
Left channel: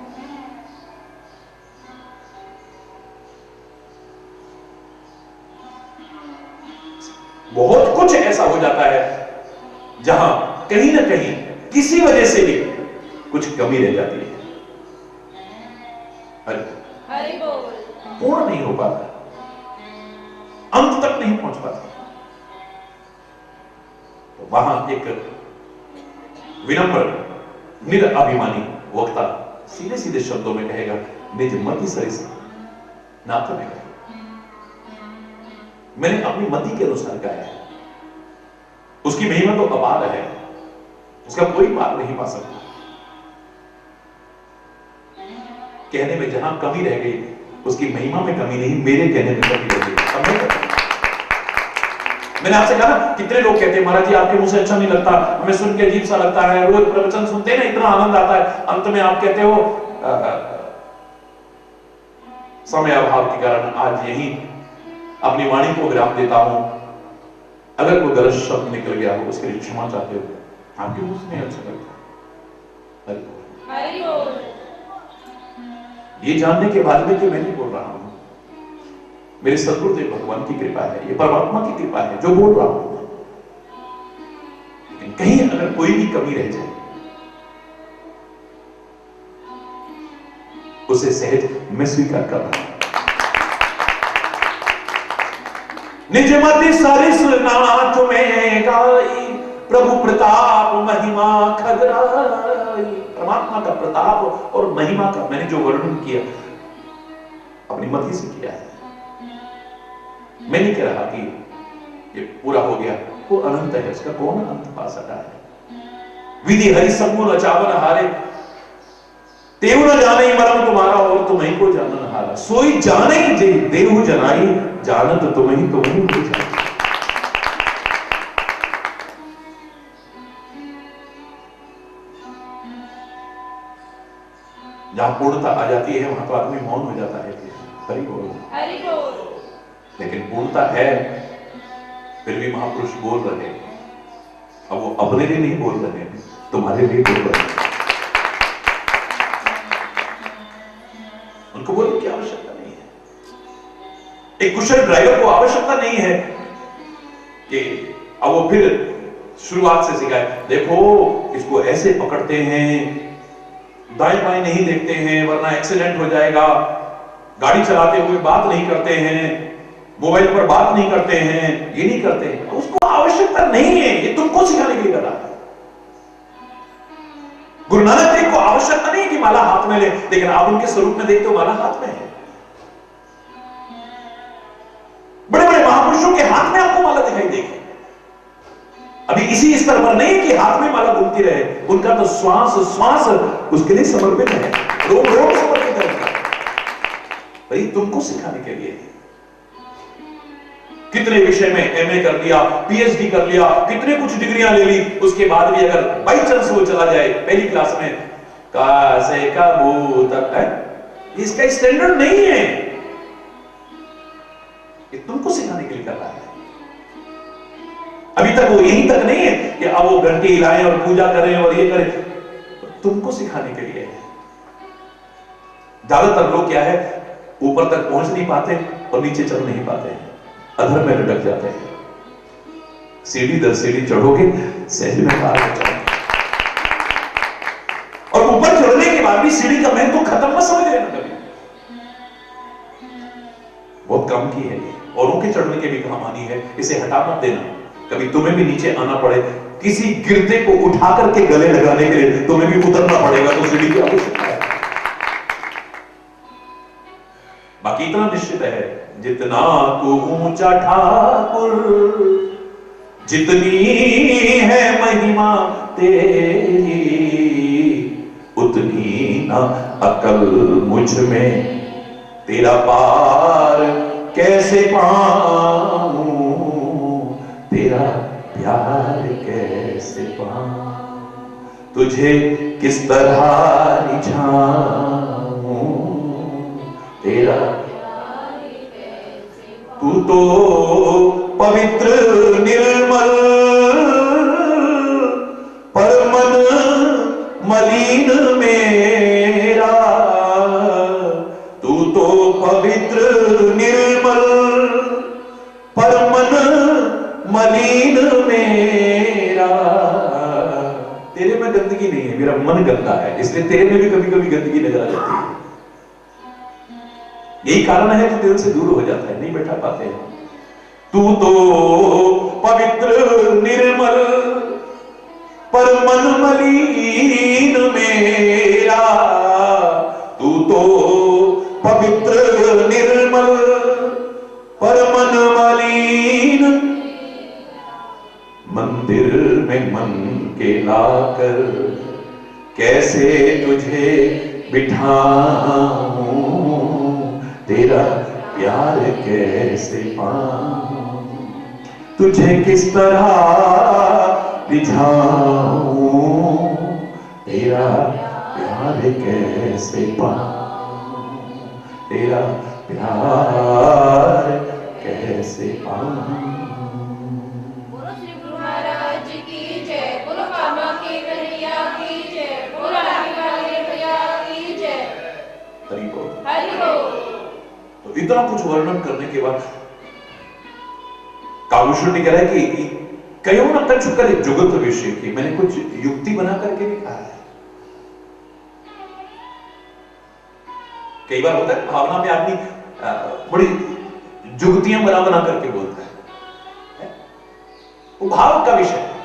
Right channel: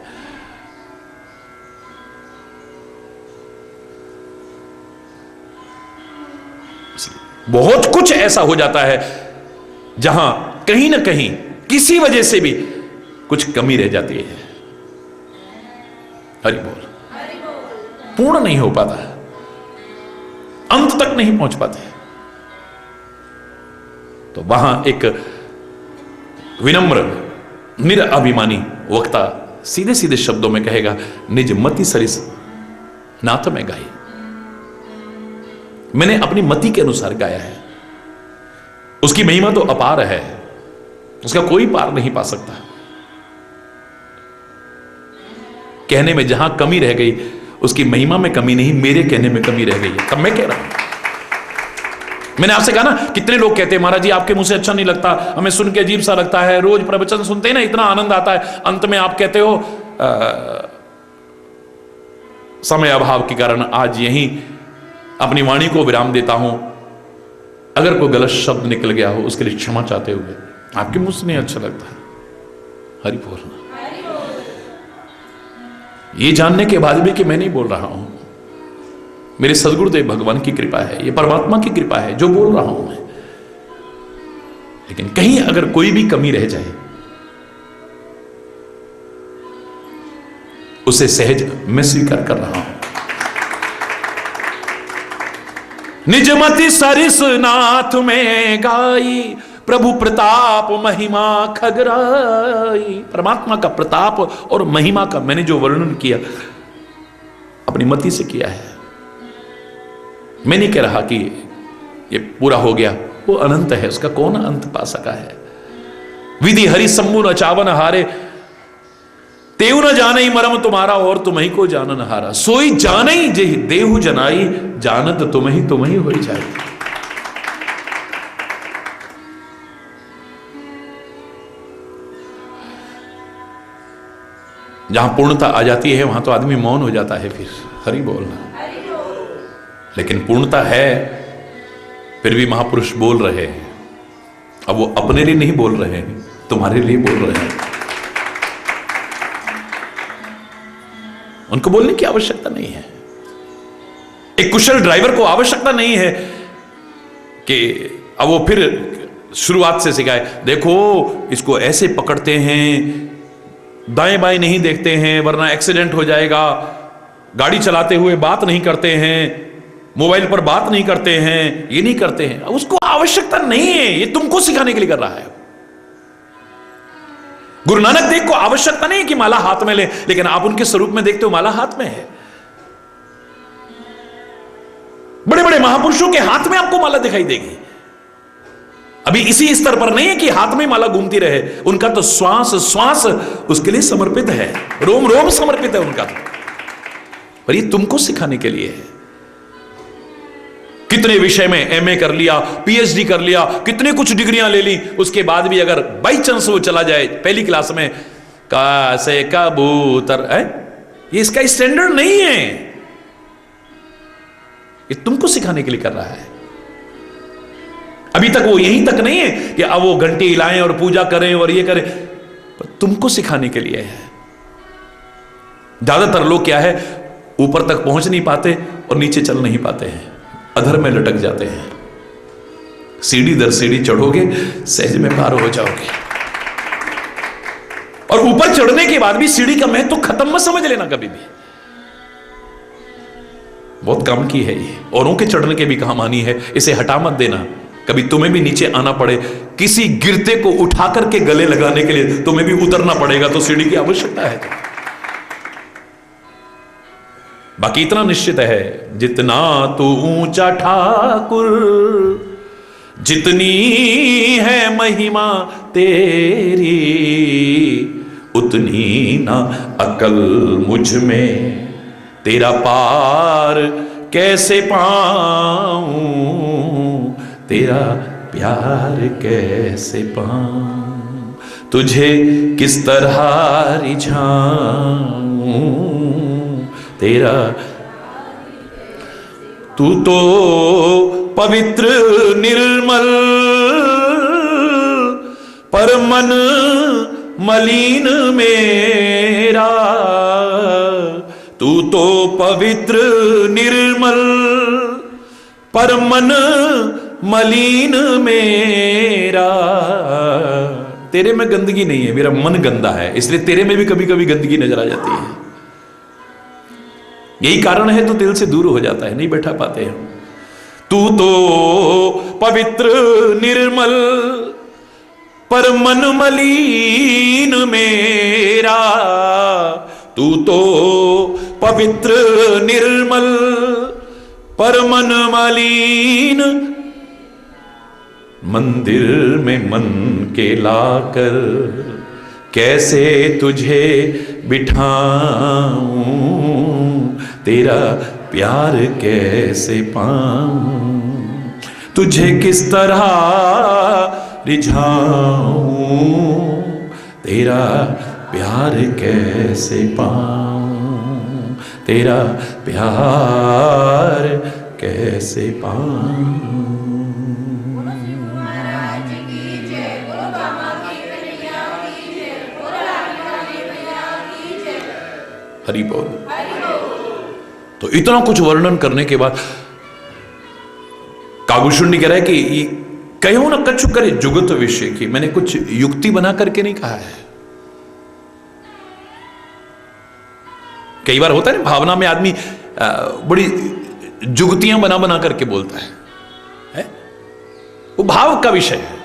बहुत कुछ ऐसा हो जाता है जहां कहीं ना कहीं किसी वजह से भी कुछ कमी रह जाती है। हरि बोल। पूर्ण नहीं हो पाता, अंत तक नहीं पहुंच पाते। तो वहां एक विनम्र निरअभिमानी वक्ता सीधे सीधे शब्दों में कहेगा, निज मति सरिस नाथ में गाई। मैंने अपनी मति के अनुसार गाया है, उसकी महिमा तो अपार है, उसका कोई पार नहीं पा सकता। कहने में जहां कमी रह गई, उसकी महिमा में कमी नहीं, मेरे कहने में कमी रह गई। तब मैं कह रहा हूं, मैंने आपसे कहा ना, कितने लोग कहते हैं महाराज जी आपके मुंह से अच्छा नहीं लगता, हमें सुन के अजीब सा लगता है, रोज प्रवचन सुनते हैं ना इतना आनंद आता है, अंत में आप कहते हो समय अभाव के कारण आज यहीं अपनी वाणी को विराम देता हूं। अगर कोई गलत शब्द निकल गया हो उसके लिए क्षमा चाहते हुए, आपके मुंह से नहीं अच्छा लगता। हरि बोल। ये जानने के बाद भी कि मैं नहीं बोल रहा हूं, मेरे सदगुरुदेव भगवान की कृपा है, ये परमात्मा की कृपा है जो बोल रहा हूं मैं। लेकिन कहीं अगर कोई भी कमी रह जाए, उसे सहज मैं स्वीकार कर रहा हूं। निज मति सरिस नाथ में गाई, प्रभु प्रताप महिमा खगराई। परमात्मा का प्रताप और महिमा का मैंने जो वर्णन किया अपनी मति से किया है। मैं नहीं कह रहा कि ये पूरा हो गया, वो अनंत है, उसका कौन अंत पा सका है। विधि हरि सम्मु न चावन हारे, तेऊ न जाने मरम तुम्हारा और तुम ही को जानन हारा। सोई जाने जेहि देहु जनाई, जानत तुम ही हो जाए। जहां पूर्णता आ जाती है वहां तो आदमी मौन हो जाता है, फिर हरि बोलना। लेकिन पूर्णता है फिर भी महापुरुष बोल रहे हैं। अब वो अपने लिए नहीं बोल रहे हैं, तुम्हारे लिए बोल रहे हैं। उनको बोलने की आवश्यकता नहीं है। एक कुशल ड्राइवर को आवश्यकता नहीं है कि अब वो फिर शुरुआत से सिखाए, देखो इसको ऐसे पकड़ते हैं, दाएं बाएं नहीं देखते हैं वरना एक्सीडेंट हो जाएगा, गाड़ी चलाते हुए बात नहीं करते हैं, मोबाइल पर बात नहीं करते हैं, ये नहीं करते हैं। उसको आवश्यकता नहीं है, ये तुमको सिखाने के लिए कर रहा है। गुरु नानक देव को आवश्यकता नहीं कि माला हाथ में ले, लेकिन आप उनके स्वरूप में देखते हो माला हाथ में है। बड़े बड़े महापुरुषों के हाथ में आपको माला दिखाई देगी। अभी इसी स्तर पर नहीं कि हाथ में माला घूमती रहे, उनका तो श्वास श्वास उसके लिए समर्पित है, रोम रोम समर्पित है उनका। पर ये तुमको सिखाने के लिए है। कितने विषय में एमए कर लिया, पीएचडी कर लिया, कितने कुछ डिग्रियां ले ली, उसके बाद भी अगर बाई चांस वो चला जाए पहली क्लास में, कैसे कबूतर है, ये इसका स्टैंडर्ड नहीं है। ये तुमको सिखाने के लिए कर रहा है। अभी तक वो यहीं तक नहीं है कि अब वो घंटी हिलाएं और पूजा करें और ये करें, पर तुमको सिखाने के लिए है। ज्यादातर लोग क्या है, ऊपर तक पहुंच नहीं पाते और नीचे चल नहीं पाते हैं। अधर में लटक जाते हैं। सीढ़ी दर सीढ़ी चढ़ोगे, सहज में पार हो जाओगे। और ऊपर चढ़ने के बाद भी सीढ़ी का महत्व तो खत्म मत समझ लेना कभी भी। बहुत कम की है ये, औरों के चढ़ने के भी काम आनी है, इसे हटा मत देना। कभी तुम्हें भी नीचे आना पड़े, किसी गिरते को उठा करके गले लगाने के लिए तुम्हें भी उतरना पड़ेगा, तो सीढ़ी की आवश्यकता है। बाकी इतना निश्चित है, जितना तो ऊंचा ठाकुर, जितनी है महिमा तेरी, उतनी ना अकल मुझ में, तेरा पार कैसे पाऊं, तेरा प्यार कैसे पाऊं, तुझे किस तरह रिझाऊं, तेरा। तू तो पवित्र निर्मल, पर मन मलिन मेरा, तू तो पवित्र निर्मल, पर मन मलिन मेरा। तेरे में गंदगी नहीं है, मेरा मन गंदा है, इसलिए तेरे में भी कभी कभी गंदगी नजर आ जाती है। यही कारण है तो दिल से दूर हो जाता है, नहीं बैठा पाते हैं। तू तो पवित्र निर्मल, पर मन मलिन मेरा, तू तो पवित्र निर्मल, पर मन मलिन। मंदिर में मन के लाकर कैसे तुझे बिठाऊं, तेरा प्यार कैसे पाऊं, तुझे किस तरह रिझाऊं, तेरा प्यार कैसे पाऊं, तेरा प्यार कैसे पाऊं। हरि बोल। तो इतना कुछ वर्णन करने के बाद काव्यशुंडी कह रहा है कि कहो ना कछु करे जुगत विषय की। मैंने कुछ युक्ति बना करके नहीं कहा है। कई बार होता है भावना में आदमी बड़ी जुगतियां बना बना करके बोलता है? वो भाव का विषय है।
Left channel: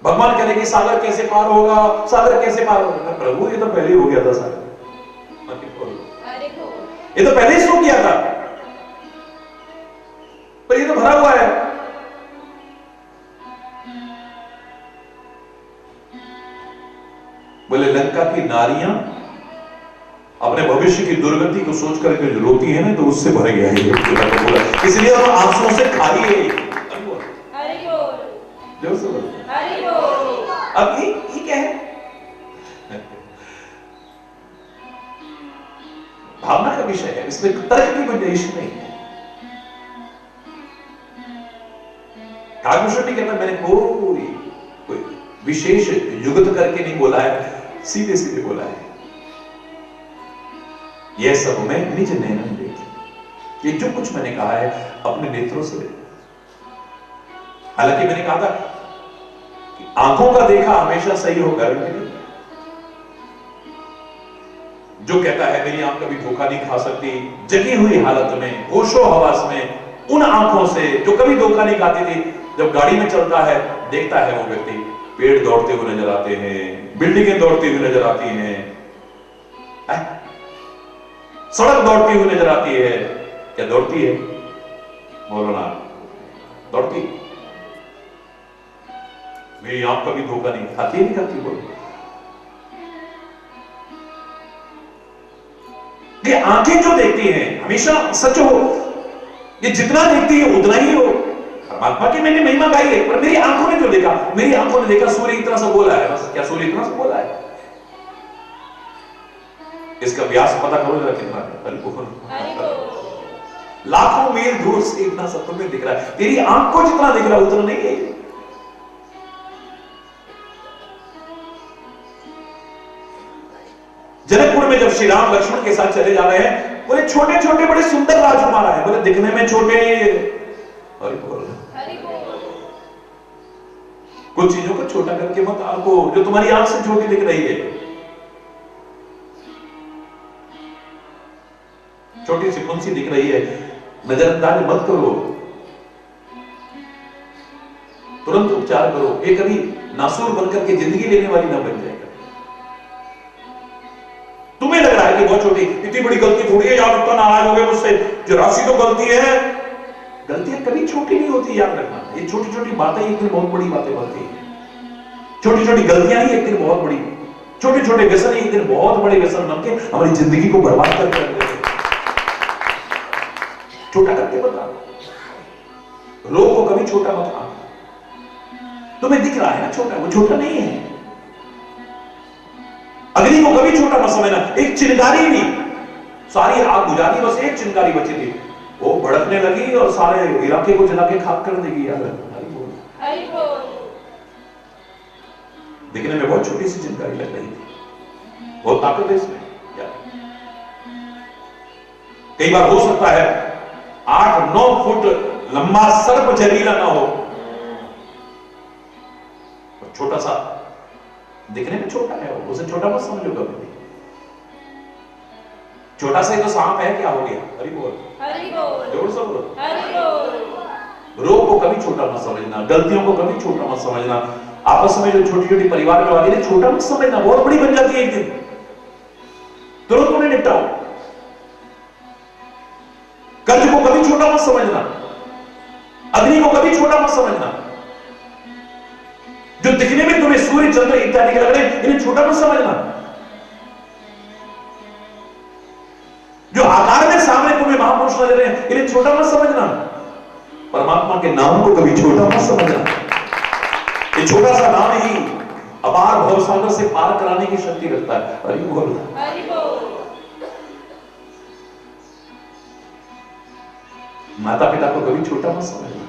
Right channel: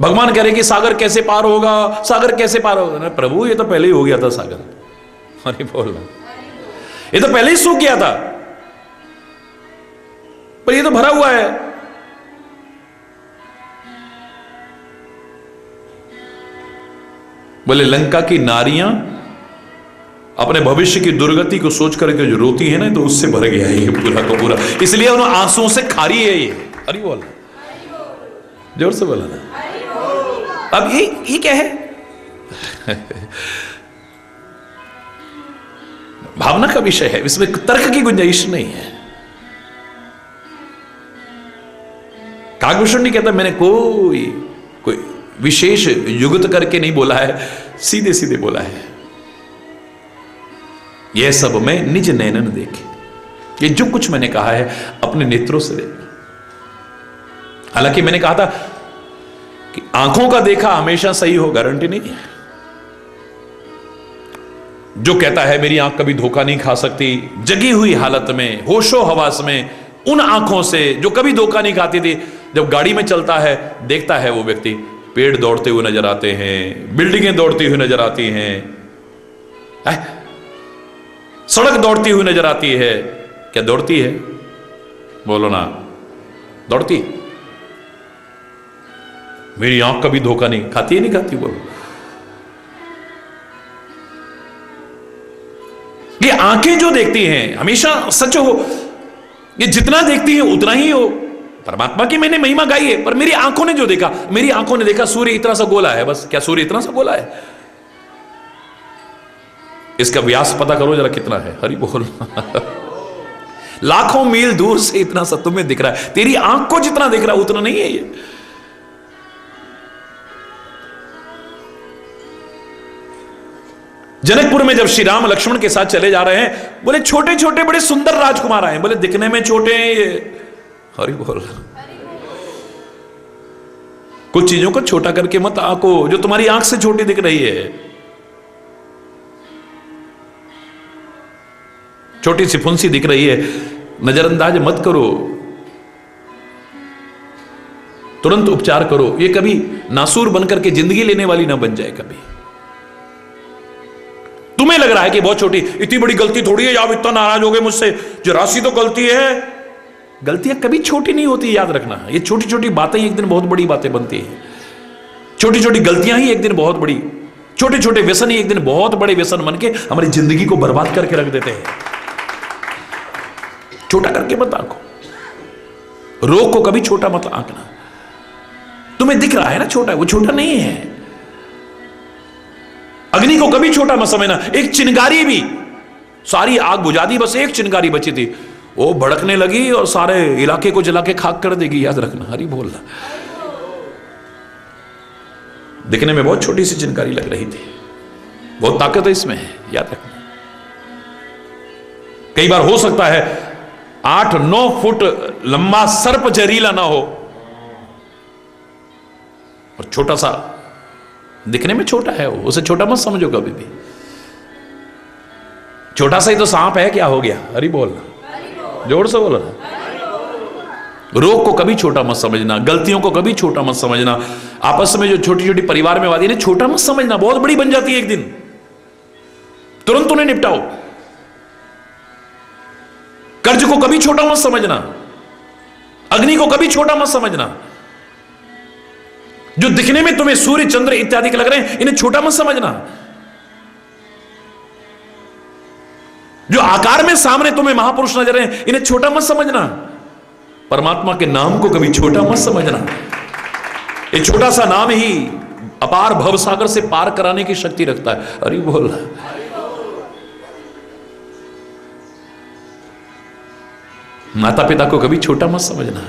भगवान कह रहे कि सागर कैसे पार होगा, सागर कैसे पार होगा। प्रभु ये तो पहले ही हो गया था सागर। अरे बोल ये तो पहले ही सूख गया था, पर ये तो भरा हुआ है। बोले लंका की नारियां अपने भविष्य की दुर्गति को सोच करके जो रोती है ना, तो उससे भर गया है ये पूरा का पूरा, इसलिए उन आंसुओं से खारी है ये। अरे बोल जोर से बोला। अब ये क्या है? भावना का विषय है, इसमें तर्क की गुंजाइश नहीं है। काव्यभूषण नहीं कहता मैंने कोई विशेष युगत करके नहीं बोला है, सीधे सीधे बोला है। यह सब मैं निज नैनन देखे, ये जो कुछ मैंने कहा है अपने नेत्रों से देखे। हालांकि मैंने कहा था कि आंखों का देखा हमेशा सही हो, गारंटी नहीं है। जो कहता है मेरी आंख कभी धोखा नहीं खा सकती, जगी हुई हालत में होशो हवास में, उन आंखों से जो कभी धोखा नहीं खाती थी, जब गाड़ी में चलता है देखता है वो व्यक्ति पेड़ दौड़ते हुए नजर आते हैं, बिल्डिंगें दौड़ती हुई नजर आती हैं, सड़क दौड़ती हुई नजर आती है। क्या दौड़ती है? बोलो ना, दौड़ती। मेरी आंख कभी धोखा नहीं खाती है, नहीं खाती। बोलो, ये आंखें जो देखती हैं हमेशा सच हो, ये जितना देखती है उतना ही हो। परमात्मा की मैंने महिमा गाई है, पर मेरी आंखों ने जो देखा, मेरी आंखों ने देखा सूर्य इतना सा गोला है, बस। क्या सूर्य इतना सा गोला है? इसका व्यास पता करो जरा कितना है। हरि बोल। लाखों मील दूर से इतना सा तुम्हें दिख रहा है, तेरी आंख को जितना दिख रहा है उतना नहीं है ये। जनकपुर में जब श्री राम लक्ष्मण के साथ चले जा रहे हैं, बोले छोटे छोटे बड़े सुंदर राजकुमार आए। बोले दिखने में छोटे हैं ये। हरि बोल। कुछ चीजों को छोटा करके मत आंको जो तुम्हारी आंख से छोटी दिख रही है। छोटी सी फुंसी दिख रही है, नजरअंदाज मत करो, तुरंत उपचार करो। ये कभी नासूर बनकर के जिंदगी लेने वाली ना बन जाए। कभी तुम्हें लग रहा है कि बहुत छोटी, इतनी बड़ी गलती थोड़ी है, आप इतना नाराज हो गए मुझसे, जो राशि तो गलती है। गलतियां कभी छोटी नहीं होती, याद रखना। ये छोटी छोटी बातें एक दिन बहुत बड़ी बातें बनती हैं। छोटी छोटी गलतियां ही एक दिन बहुत बड़ी, छोटे छोटे व्यसन ही एक दिन बहुत बड़े व्यसन बन के हमारी जिंदगी को बर्बाद करके रख देते हैं। छोटा करके मत आंको, रोग को कभी छोटा मत आंकना। तुम्हें दिख रहा है ना छोटा, वो छोटा नहीं है। अग्नि को कभी छोटा मत समझना। एक चिंगारी भी, सारी आग बुझा दी, बस एक चिंगारी बची थी, वो भड़कने लगी और सारे इलाके को जला के खाक कर देगी। याद रखना। हरि बोलना। दिखने में बहुत छोटी सी चिंगारी लग रही थी, बहुत ताकत है इसमें, याद रखना। कई बार हो सकता है 8-9 फुट लंबा सर्प जहरीला ना हो, और छोटा सा, दिखने में छोटा है वो, उसे छोटा मत समझो कभी भी। छोटा सा ही तो सांप है, क्या हो गया? हरि बोल। जोर से बोलो। रोग को कभी छोटा मत समझना, गलतियों को कभी छोटा मत समझना। आपस में जो छोटी छोटी परिवार में वादी है, छोटा मत समझना, बहुत बड़ी बन जाती है एक दिन। तुरंत उन्हें निपटाओ। कर्ज को कभी छोटा मत समझना, अग्नि को कभी छोटा मत समझना। जो दिखने में तुम्हें सूर्य चंद्र इत्यादि के लग रहे हैं, इन्हें छोटा मत समझना। जो आकार में सामने तुम्हें महापुरुष नजर हैं, इन्हें छोटा मत समझना। परमात्मा के नाम को कभी छोटा मत समझना। ये छोटा सा नाम ही अपार भवसागर से पार कराने की शक्ति रखता है। अरे बोल। माता पिता को कभी छोटा मत समझना।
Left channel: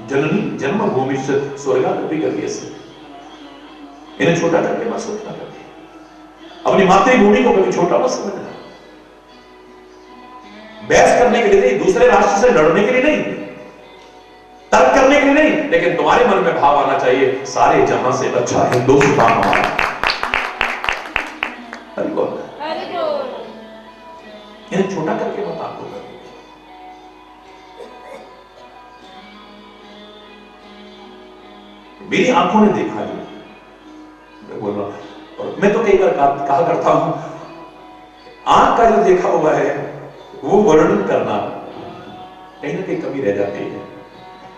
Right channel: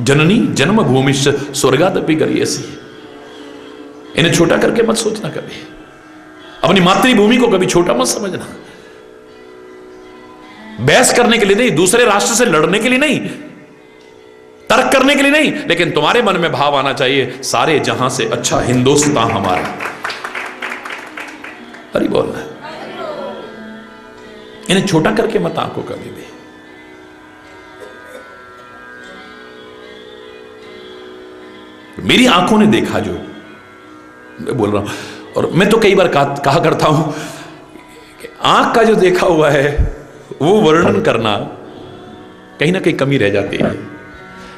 जननी जन्म भूमिश्च स्वर्गादपि गरीयसी, इन्हें छोटा करके मत सोचना कभी। अपनी मातृभूमि को कभी छोटा मत समझना। बहस करने के लिए नहीं, दूसरे राष्ट्र से लड़ने के लिए नहीं, तर्क करने के लिए नहीं, लेकिन तुम्हारे मन में भाव आना चाहिए, सारे जहां से अच्छा हिंदुस्तान हमारा। हरि बोल। इन्हें छोटा करके मत आंको कभी भी। मेरी आंखों ने देखा, जो मैं बोल रहा हूं, और मैं तो कई बार कहा करता हूं कि आंख का जो देखा हुआ है वो वर्णन करना कहीं ना कहीं कमी रह जाती है,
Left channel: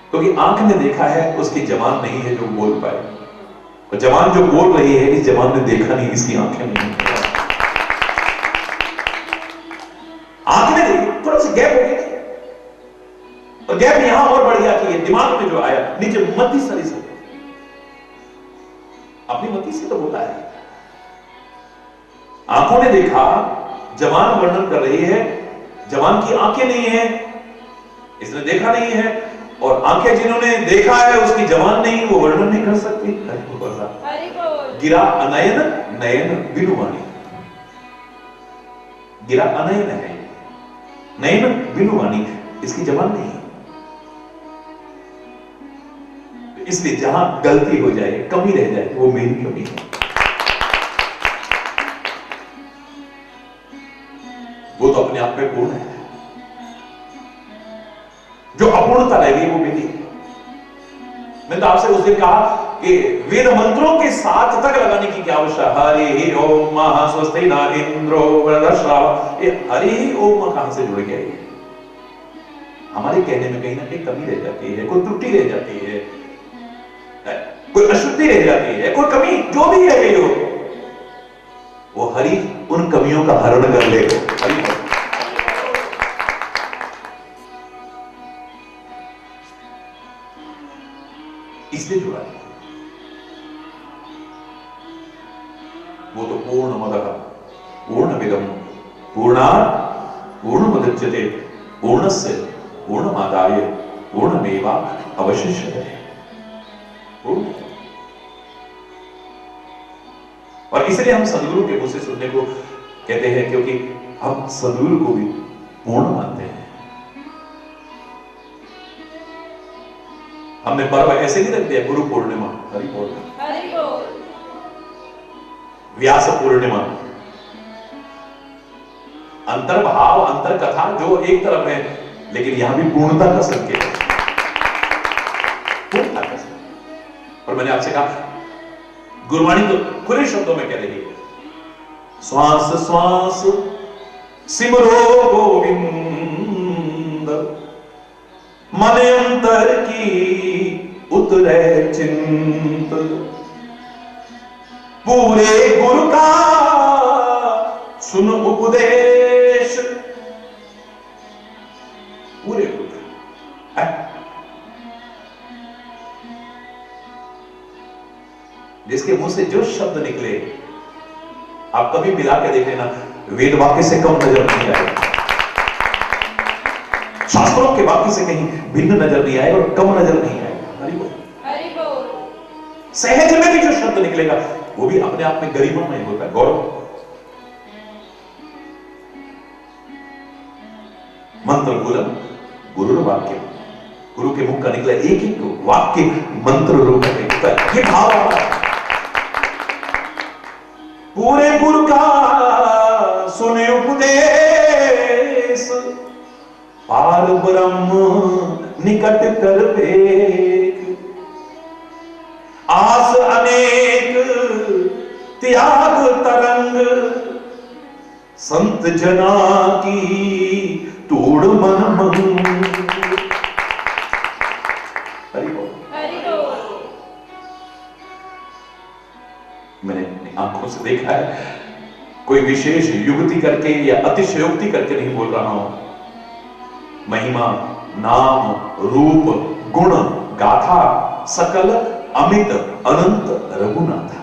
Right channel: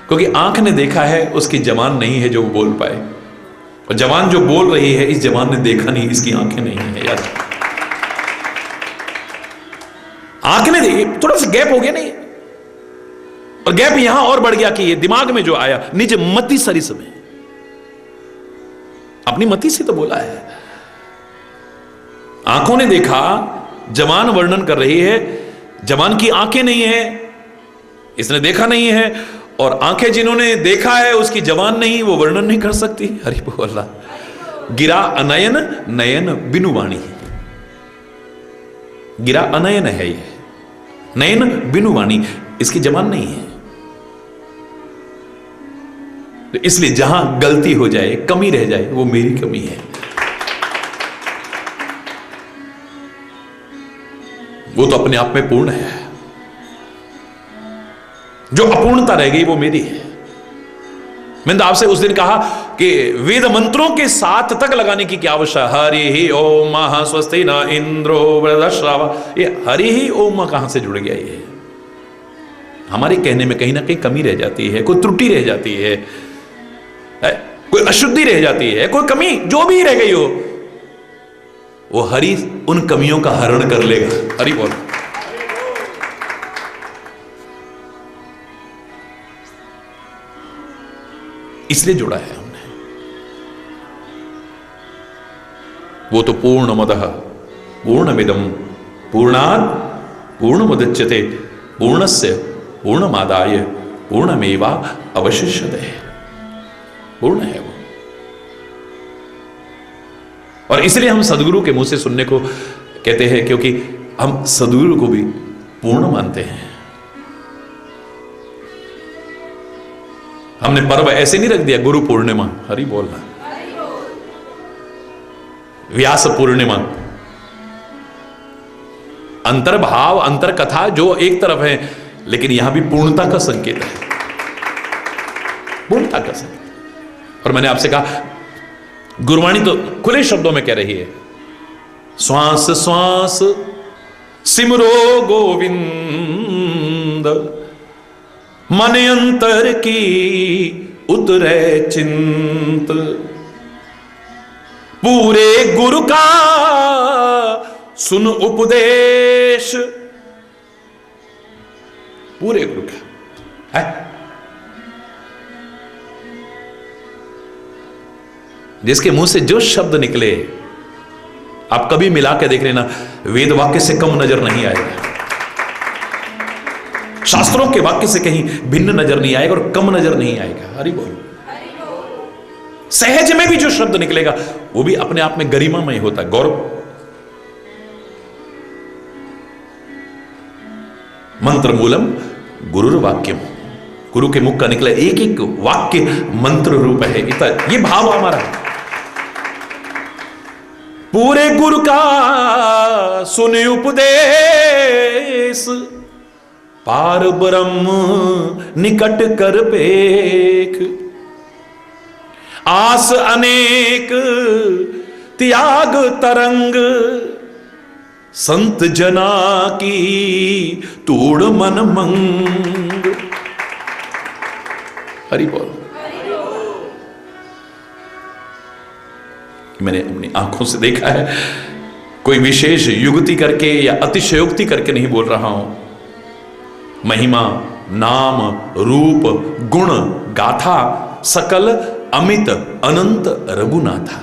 क्योंकि आंख ने देखा है, उसकी जवान नहीं है जो बोल पाए, और जवान जो बोल रही है, इस जवान ने देखा नहीं, इसकी आंखें नहीं है। यार आंख ने देखी, थोड़ा सा गैप हो गया नहीं, और गैप यहां और बढ़ गया कि ये दिमाग में जो आया, निज मति सरिस में, अपनी मति से तो बोला है। आंखों ने देखा, जवान वर्णन कर रही है, जवान की आंखें नहीं है, इसने देखा नहीं है, और आंखें जिन्होंने देखा है उसकी जवान नहीं, वो वर्णन नहीं कर सकती। हरि बोला। गिरा अनयन नयन बिनु वाणी, गिरा अनयन है ये, नयन बिनु वाणी, इसकी जवान नहीं है। तो इसलिए जहां गलती हो जाए, कमी रह जाए, वो मेरी कमी है, वो तो अपने आप में पूर्ण है। जो अपूर्णता रह गई वो मेरी है। मैंने तो आपसे उस दिन कहा कि वेद मंत्रों के साथ तक लगाने की क्या आवश्यकता। हरि ही ओम स्वस्ति न इंद्रो वृद्धश्रवा, ये हरि ही ओम कहां से जुड़ गया? ये हमारे कहने में कहीं ना कहीं कमी रह जाती है, कोई त्रुटि रह जाती है, कोई अशुद्धि रह जाती है, कोई कमी जो भी रह गई हो, वो हरि उन कमियों का हरण कर ले। हरि बोल। इसलिए जुड़ा है हमने। वो तो पूर्णमदः पूर्णमिदं पूर्णात् पूर्णमुदच्यते पूर्णस्य पूर्णमादाय पूर्णमेवा अवशिष्यते। पूर्ण है वो। और इसलिए हम सदगुरु के मुंह से सुनने को कहते हैं, क्योंकि हम सदगुरु को भी पूर्ण मानते हैं। हमने पर्व ऐसे नहीं रख दिया गुरु पूर्णिमा, हरि बोलना, व्यास पूर्णिमा, अंतर्भाव अंतर कथा जो एक तरफ है, लेकिन यहां भी पूर्णता का संकेत है, पूर्णता का संकेत। और मैंने आपसे कहा गुरुवाणी तो खुले शब्दों में कह रही है, श्वास श्वास सिमरो गोविंद, मन अंतर की उतरे चिंत, पूरे गुरु का सुन उपदेश, पूरे गुरु का है। जिसके मुंह से जो शब्द निकले आप कभी मिला के देख लेना, वेद वाक्य से कम नजर नहीं आएगा, शास्त्रों के वाक्य से कहीं भिन्न नजर नहीं आएगा और कम नजर नहीं आएगा। हरि बोल। सहज में भी जो शब्द निकलेगा वो भी अपने आप में गरिमामय होता है, गौरव। मंत्र मूलम गुरुर वाक्यम, गुरु के मुख का निकला एक एक वाक्य मंत्र रूप है, ये भाव हमारा। पूरे गुरु का सुने उपदेश, पार ब्रह्म निकट कर पेख, आस अनेक त्याग तरंग, संत जना की तोड़ मन मंग। हरि बोल। मैंने अपनी आंखों से देखा है, कोई विशेष युक्ति करके या अतिशयोक्ति करके नहीं बोल रहा हूं। महिमा, नाम, रूप, गुण, गाथा सकल अमित अनंत रघुनाथा।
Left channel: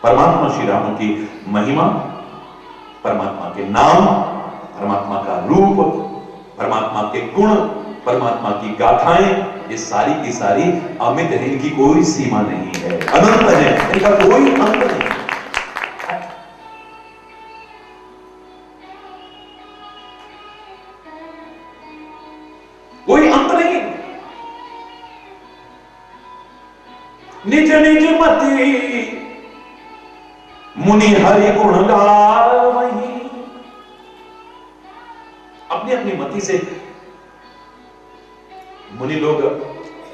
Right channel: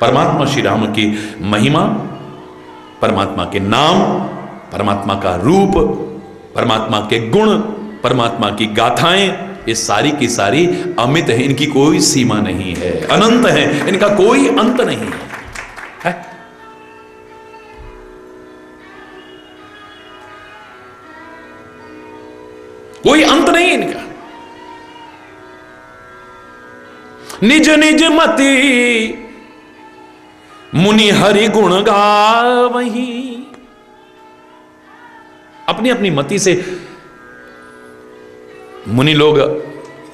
परमात्मा श्री राम की महिमा, परमात्मा के नाम, परमात्मा का रूप, परमात्मा के गुण, परमात्मा की गाथाएं, ये सारी की सारी अमित है, इनकी कोई सीमा नहीं है, अनंत है, इनका कोई अंत नहीं है। कोई अंत नहीं इनका। निज निज मति मुनि हरि गुण गावहीं, अपनी अपनी मति से मुनि लोग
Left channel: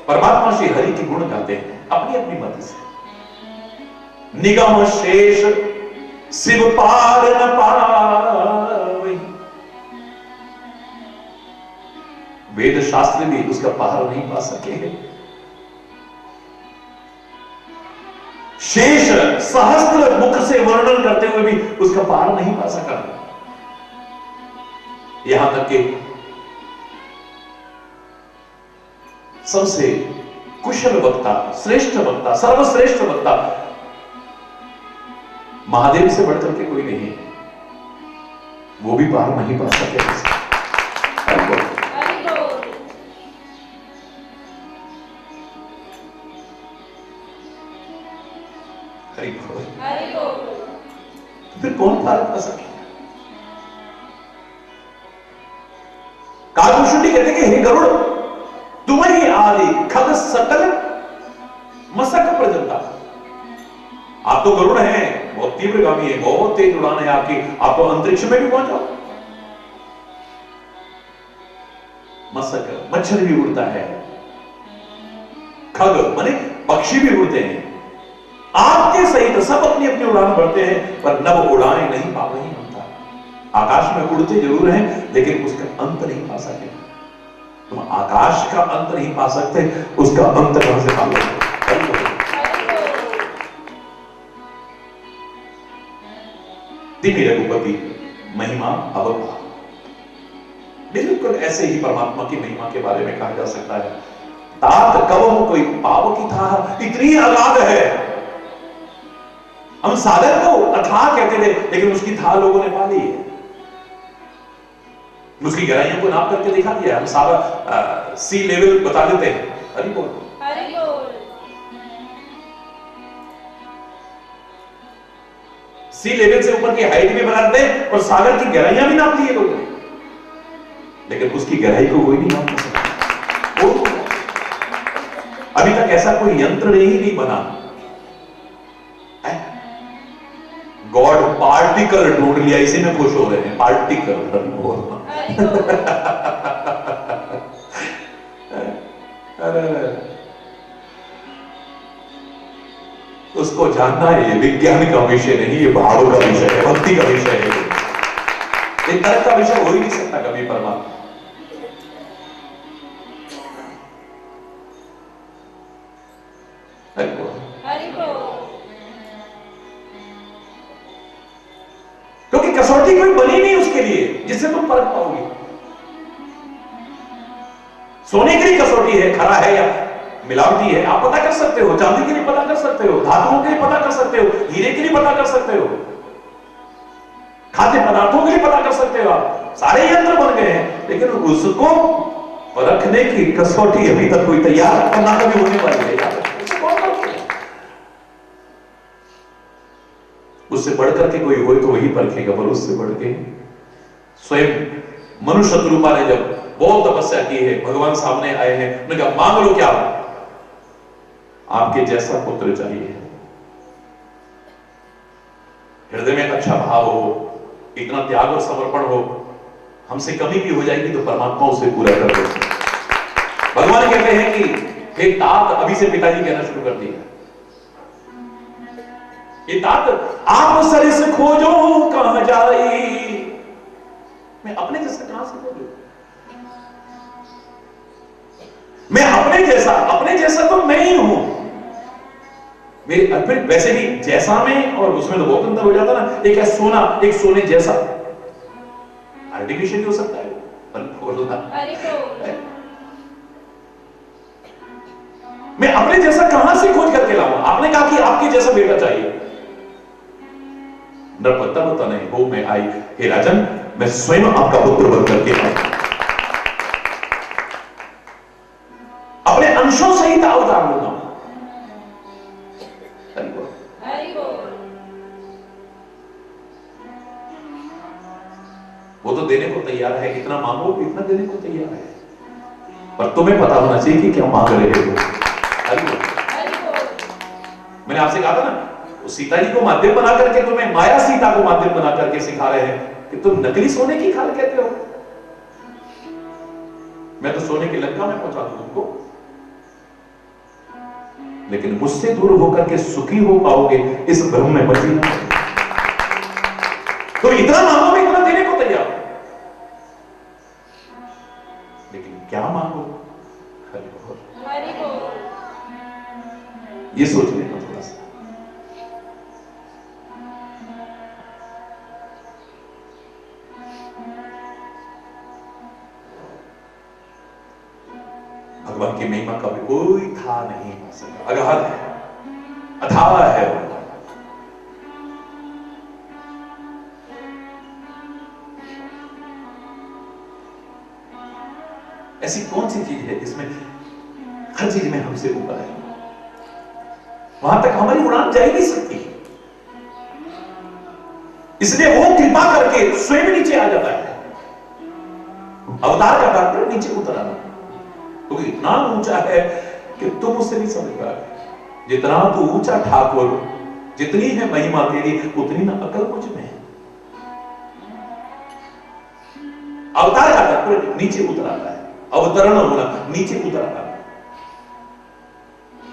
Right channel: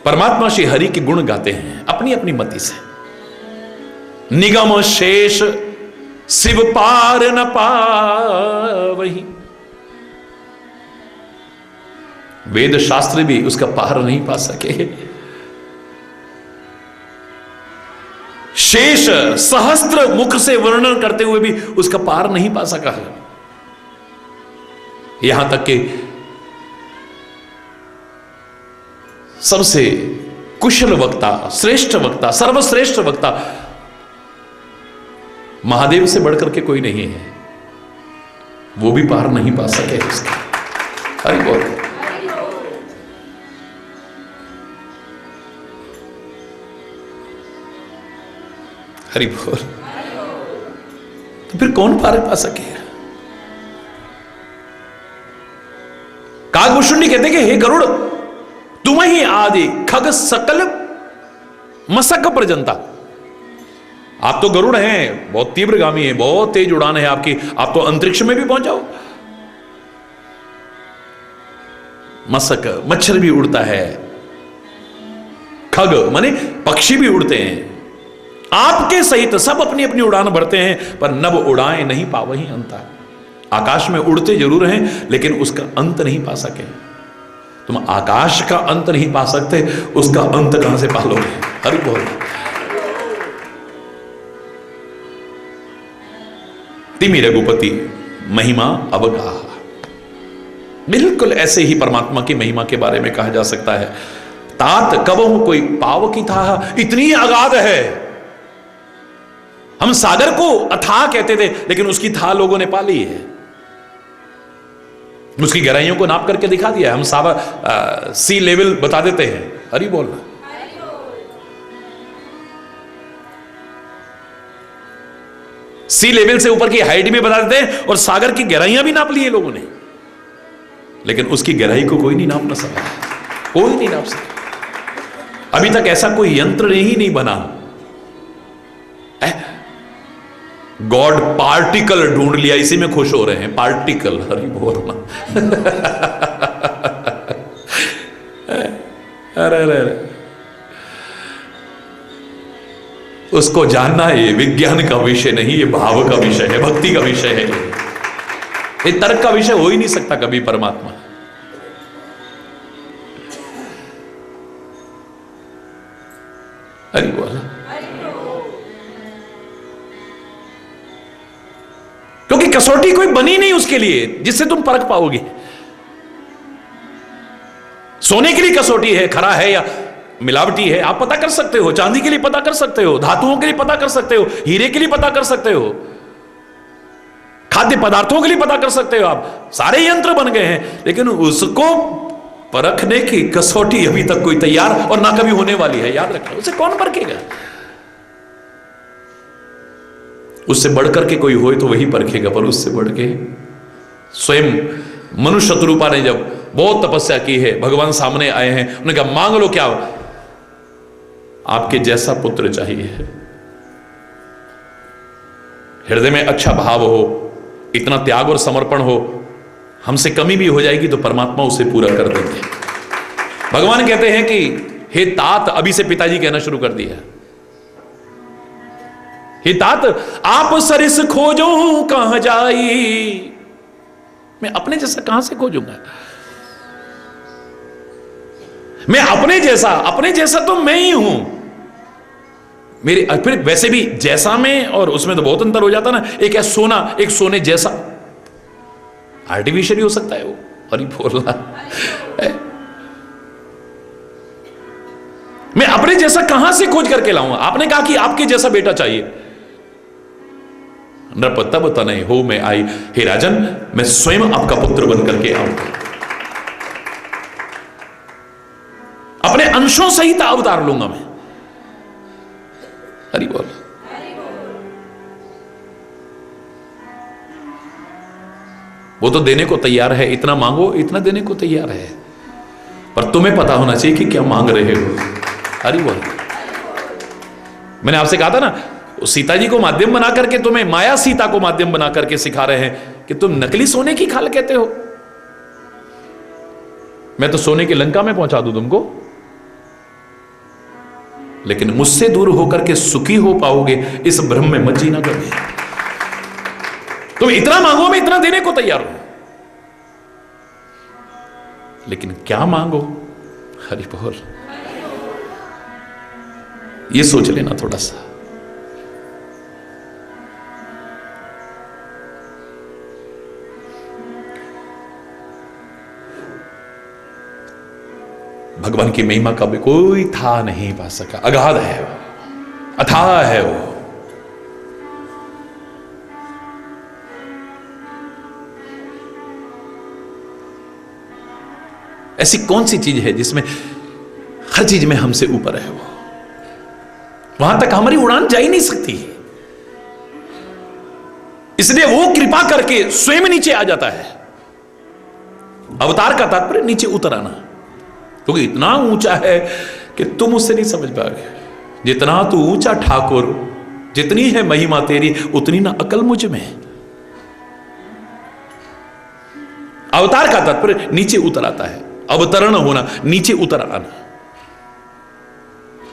परमात्मा श्री हरि के गुण गाते हैं, अपनी अपनी मति से। निगम शेष शिव पार न पावहीं, वेद शास्त्र भी उसका पार नहीं पा सके। शेष सहस्त्र मुख से वर्णन करते हुए भी उसका पार नहीं पा सका है। यहां तक कि सबसे कुशल वक्ता, श्रेष्ठ वक्ता, सर्वश्रेष्ठ वक्ता महादेव से बढ़कर के कोई नहीं है, वो भी पार नहीं पा सके इसका। हरि बोल। हरि बोल। तो फिर कौन पार पा सके? कागभूषुंडी कहते कि हे गरुड़, तुम ही आदि खग सकल मसक पर्यंता। आप तो गरुड़ हैं, बहुत तीव्रगामी है, बहुत तेज उड़ान है आपकी, आप तो अंतरिक्ष में भी पहुंच जाओ। मसक मच्छर भी उड़ता है, खग माने पक्षी भी उड़ते हैं, आपके सहित सब अपनी अपनी उड़ान भरते हैं, पर नभ उड़ाए नहीं पावहीं अंता। आकाश में उड़ते जरूर हैं लेकिन उसका अंत नहीं पा सके। तुम आकाश का अंत नहीं पा सकते, उसका अंत कहां से पालोगे? हरि बोल। तिमि रघुपति महिमा अवगाह, बिल्कुल ऐसे ही परमात्मा की महिमा के बारे में कहा जा सकता है। तात कबहु कोई पाव की था, इतनी अगाध है। हम सागर को अथाह कहते थे, लेकिन उसकी था लोगों ने पा ली है, उसकी गहराइयों को नाप करके दिखा दिया। हम सागर सी लेवल बता देते हैं। हरि बोलना। सी लेवल से ऊपर की हाइट भी बता देते हैं और सागर की गहराइयां भी नाप ली है लोगों ने, लेकिन उसकी गहराई को कोई नहीं नाप ना सका, कोई नहीं नाप सका। अभी तक ऐसा कोई यंत्र ही नहीं बना। गॉड पार्टिकल ढूंढ लिया, इसी में खुश हो रहे हैं, पार्टिकल। अरे बोलना अरे उसको जानना ये विज्ञान का विषय नहीं, ये भाव का विषय है, भक्ति का विषय है। ये तर्क का विषय हो ही नहीं सकता कभी परमात्मा। हरि बोल। क्योंकि कसौटी कोई बनी नहीं उसके लिए जिससे तुम परख पाओगे। सोने के लिए कसौटी है, खरा है या मिलावटी है, आप पता कर सकते हो। चांदी के लिए पता कर सकते हो, धातुओं के लिए पता कर सकते हो, हीरे के लिए पता कर सकते हो, खाद्य पदार्थों के लिए पता कर सकते हो। आप सारे यंत्र बन गए हैं, लेकिन उसको परखने की कसौटी अभी तक कोई तैयार और ना कभी होने वाली है। याद रखो, उसे कौन परखेगा? उससे बढ़कर के कोई होए तो वही परखेगा, पर उससे बढ़ के स्वयं मनुष्य शत्रुपा ने जब बहुत तपस्या की है, भगवान सामने आए हैं, उन्होंने कहा मांग लो क्या? आपके जैसा पुत्र चाहिए। हृदय में अच्छा भाव हो, इतना त्याग और समर्पण हो, हमसे कमी भी हो जाएगी तो परमात्मा उसे पूरा कर देते हैं। भगवान कहते हैं कि हे तात, अभी से पिताजी कहना शुरू कर दिया, हे तात आप सरिस खोजो कहां जाई। मैं अपने जैसा कहां से खोजूंगा? मैं अपने जैसा तो मैं ही हूं। मेरे फिर वैसे भी जैसा में और उसमें तो बहुत अंतर हो जाता ना। एक है सोना, एक सोने जैसा, आर्टिफिशियल ही हो सकता है वो। अरे बोलना, मैं अपने जैसा कहां से खोज करके लाऊंगा? आपने कहा कि आपके जैसा बेटा चाहिए। नरपत्ता बता नहीं हो मैं आई, हे राजन मैं स्वयं आपका पुत्र बन करके आऊंगा, अपने अंशों सहित अवतार लूंगा मैं। हरि बोल। वो तो देने को तैयार है, इतना मांगो इतना देने को तैयार है, पर तुम्हें पता होना चाहिए कि क्या मांग रहे हो। हरि बोल। मैंने आपसे कहा था ना, सीता जी को माध्यम बना करके तुम्हें, माया सीता को माध्यम बना करके सिखा रहे हैं कि तुम नकली सोने की खाल कहते हो। मैं तो सोने की लंका में पहुंचा दूं तुमको, लेकिन मुझसे दूर होकर के सुखी हो पाओगे इस भ्रम में मत जीना। तुम इतना मांगो, मैं इतना देने को तैयार हूं, लेकिन क्या मांगो? हरि बोल। ये सोच लेना थोड़ा सा। भगवान की महिमा का भी कोई था नहीं पा सका, अगाध है वो, अथाह है वो। ऐसी कौन सी चीज है जिसमें हर चीज में हमसे ऊपर है वो? वहां तक हमारी उड़ान जा ही नहीं सकती, इसलिए वो कृपा करके स्वयं नीचे आ जाता है। अवतार का तात्पर्य नीचे उतर आना, क्योंकि इतना ऊंचा है कि तुम उससे नहीं समझ पाओगे। जितना तू ऊंचा ठाकुर, जितनी है महिमा तेरी, उतनी ना अकल मुझ में। अवतार का तात्पर्य नीचे उतर आता है, अवतरण होना, नीचे उतर आना,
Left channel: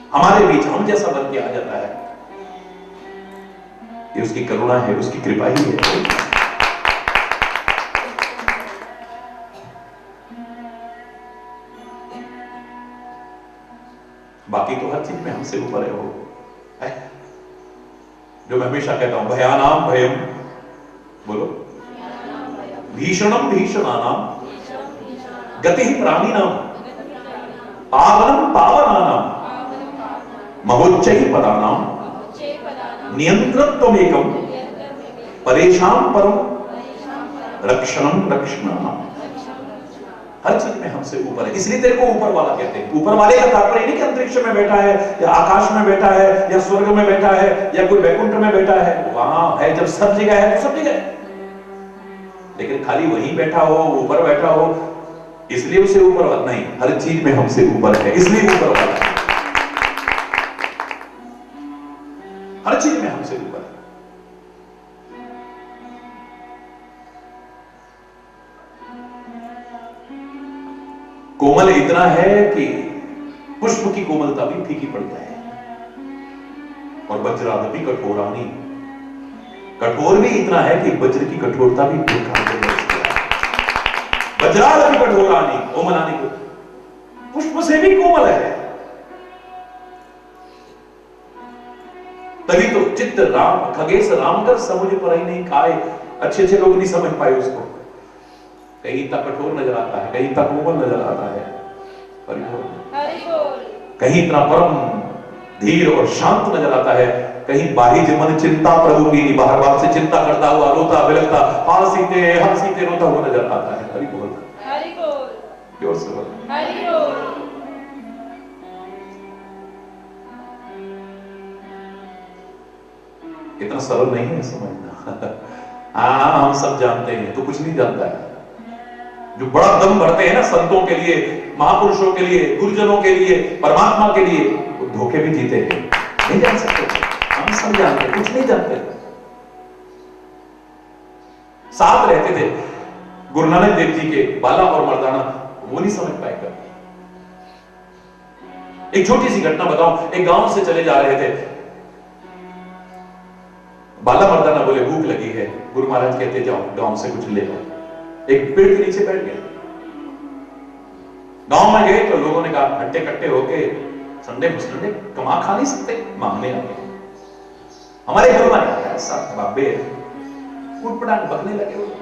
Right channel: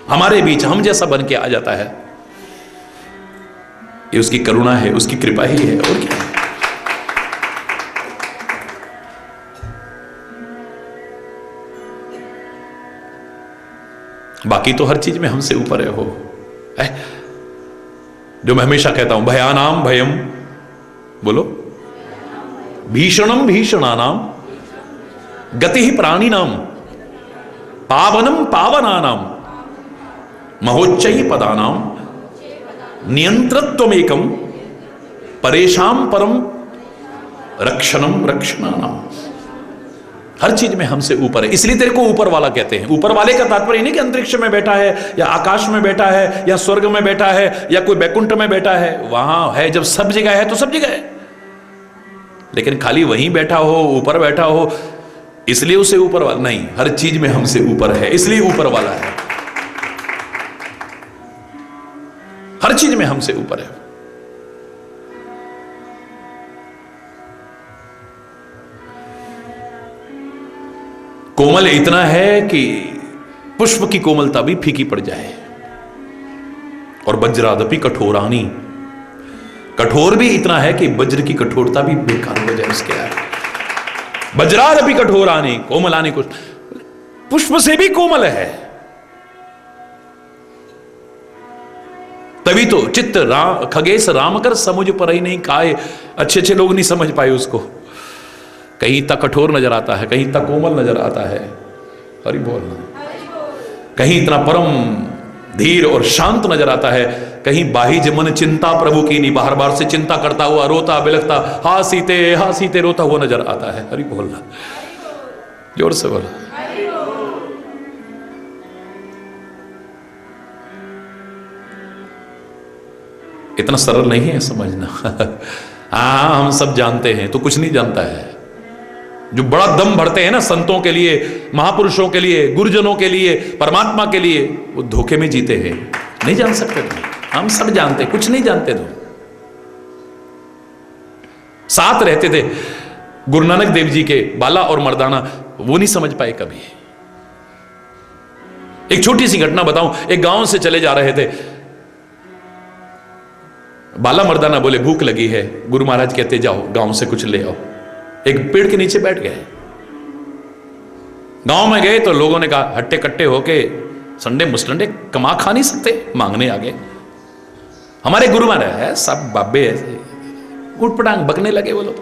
हमारे बीच हम जैसा बन के आ जाता है। ये उसकी करुणा है, उसकी कृपा ही है, और क्या। बाकी तो हर चीज में हमसे ऊपर है वो। जो मैं हमेशा कहता हूं, भयानाम भयम, बोलो, भीषणम भीषणानाम, गति प्राणिनाम, पावनम पावनानाम, महोच्चै पदानाम, नियंत्रत्वमेकम, परेशान परम रक्षणम रक्षणानाम। हर चीज में हमसे ऊपर है, इसलिए तेरे को ऊपर वाला कहते हैं। ऊपर वाले का तात्पर्य नहीं कि अंतरिक्ष में बैठा है या आकाश में बैठा है या स्वर्ग में बैठा है या कोई बैकुंठ में बैठा है, वहां है जब सब जगह है तो सब जगह है। लेकिन खाली वहीं बैठा हो, ऊपर बैठा हो इसलिए उसे ऊपर वाला नहीं, हर चीज में हमसे ऊपर है इसलिए ऊपर वाला है, हर चीज में हमसे ऊपर है। कोमल इतना है कि पुष्प की कोमलता भी फीकी पड़ जाए, और वज्रादपि कठोरानी, कठोर भी इतना है कि वज्र की कठोरता भी बेकार हो जाए उसके आगे। वज्रादपि कठोरानी कोमलानी, कुछ पुष्प से भी कोमल है। तभी तो चित्त राम खगेश राम कर समुझ पर ही नहीं खाए, अच्छे अच्छे लोग नहीं समझ पाए उसको। कहीं तक कठोर नजर आता है, कहीं तक कोमल नजर आता है, हरि बोल। कहीं इतना परम धीर और शांत नजर आता है, कहीं बाहिज मन चिंता प्रभु की नहीं, बाहर बाहर से चिंता करता हुआ रोता बिलखता हाँ सीते रोता हुआ नजर आता है। हरि बोलना, जोर से बोल। इतना सरल नहीं है समझना। हाँ हम सब जानते हैं, तो कुछ नहीं जानता है। जो बड़ा दम भरते हैं ना संतों के लिए, महापुरुषों के लिए, गुरुजनों के लिए, परमात्मा के लिए, वो धोखे में जीते हैं, नहीं जान सकते। हम सब जानते, कुछ नहीं जानते थे। साथ रहते थे गुरु नानक देव जी के, बाला और मर्दाना, वो नहीं समझ पाए कभी। एक छोटी सी घटना बताऊं, एक गांव से चले जा रहे थे, बाला मर्दाना बोले भूख लगी है, गुरु महाराज कहते जाओ गांव से कुछ ले आओ। एक पेड़ के नीचे बैठ गए, गांव में गए तो लोगों ने कहा हट्टे कट्टे होके संडे मुस्टंडे कमा खा नहीं सकते, मांगने आ गए। हमारे गुरु महाराज है सब बाबे ऐसे उठपटांग बकने लगे वो लोग,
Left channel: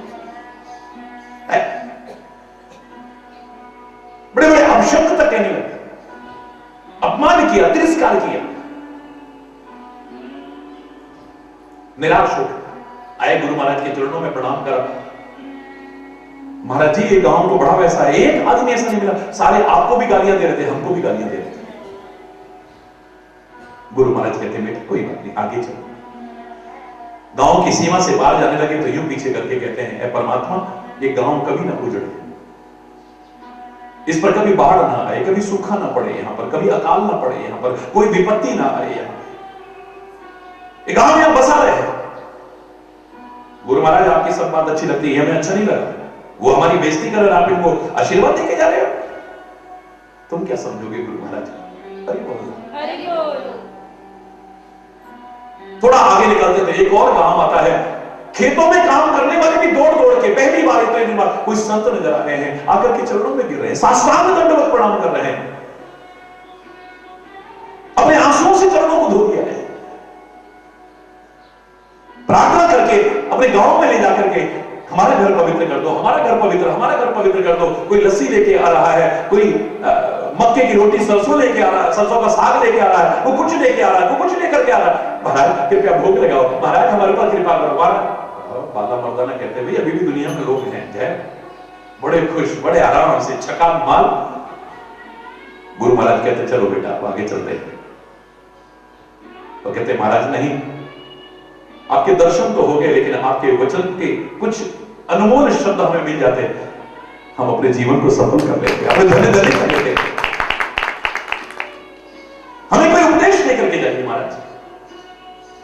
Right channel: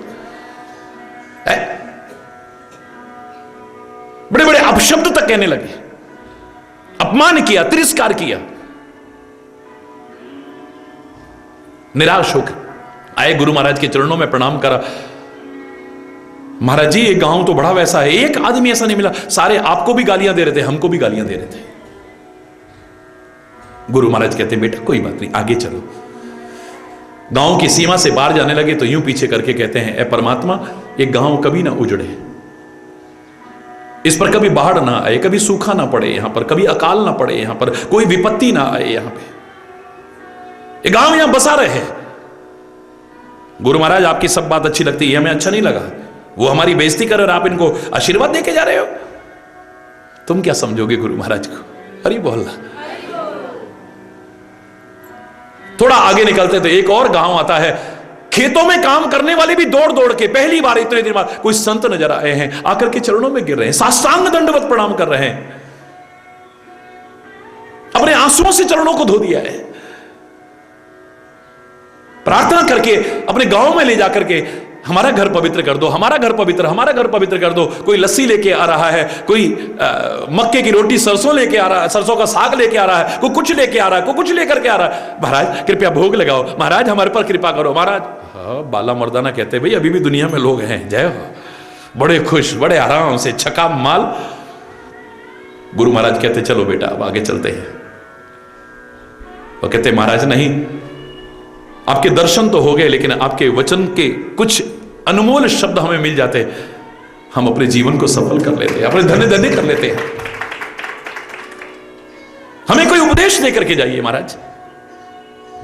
बड़े बड़े अपशब्द तक कहने लगे, अपमान किया, तिरस्कार किया। निराश होकर आए गुरु महाराज के चरणों में प्रणाम करा। महाराज जी ये गांव तो बड़ा वैसा है, एक आदमी ऐसा नहीं मिला, सारे आपको भी गालियां दे रहे थे, हमको भी गालियां दे रहे थे। गुरु महाराज कहते बेटा कोई बात नहीं, आगे चलो। गांव की सीमा से बाहर जाने लगे तो यूं पीछे करके कहते हैं, ए परमात्मा ये गांव कभी ना उजड़े, इस पर कभी बाढ़ ना आए, कभी सूखा ना पड़े, यहां पर कभी अकाल ना पड़े, यहां पर कोई विपत्ति ना आए, यहां पे ये गांव यहां बसा रहे। गुरु महाराज आपकी सब बात अच्छी लगती है, हमें अच्छा नहीं लगा, वो हमारी बेइज्जती कर रहे, आप इनको आशीर्वाद देके जा रहे हो, तुम क्या समझोगे गुरु महाराज को? हरि बोलना। थोड़ा आगे निकलते तो एक और गांव आता है, खेतों में काम करने वाले भी दौड़ दौड़ के पहली बार इतने दिन बाद कोई संत नजर आए हैं, आकर के चरणों में गिर रहे हैं, साष्टांग दंडवत प्रणाम कर रहे हैं, अपने आंसुओं से चरणों को धो दिया है, प्रार्थना करके अपने गांव में ले जाकर के हमारा घर पवित्र कर दो, हमारा घर पवित्र, हमारा घर पवित्र कर दो। कोई लस्सी लेके आ रहा है, कोई मक्के की रोटी सरसों लेके आ रहा है, सरसों का साग लेके आ रहा है, कोई कुछ लेके आ रहा है, कोई कुछ लेकर के आ रहा है। महाराज कृपया भोग लगाओ, महाराज हमारे पर कृपा करो महाराज। बाला मर्दाना कहते भाई अभी भी दुनिया में लोग हैं, जय हो, बड़े खुश, बड़े आराम से छका माल। गुरु महाराज कहते चलो बेटा अब आगे चलते हैं। वो कहते महाराज नहीं, आपके दर्शन तो हो गए, लेकिन आपके वचन के कुछ अनमोल शब्द हमें मिल जाते, हम अपने जीवन को सफल कर लेते, अपने धन्य कर लेते। हमें कोई उपदेश लेकर के जाइए महाराज।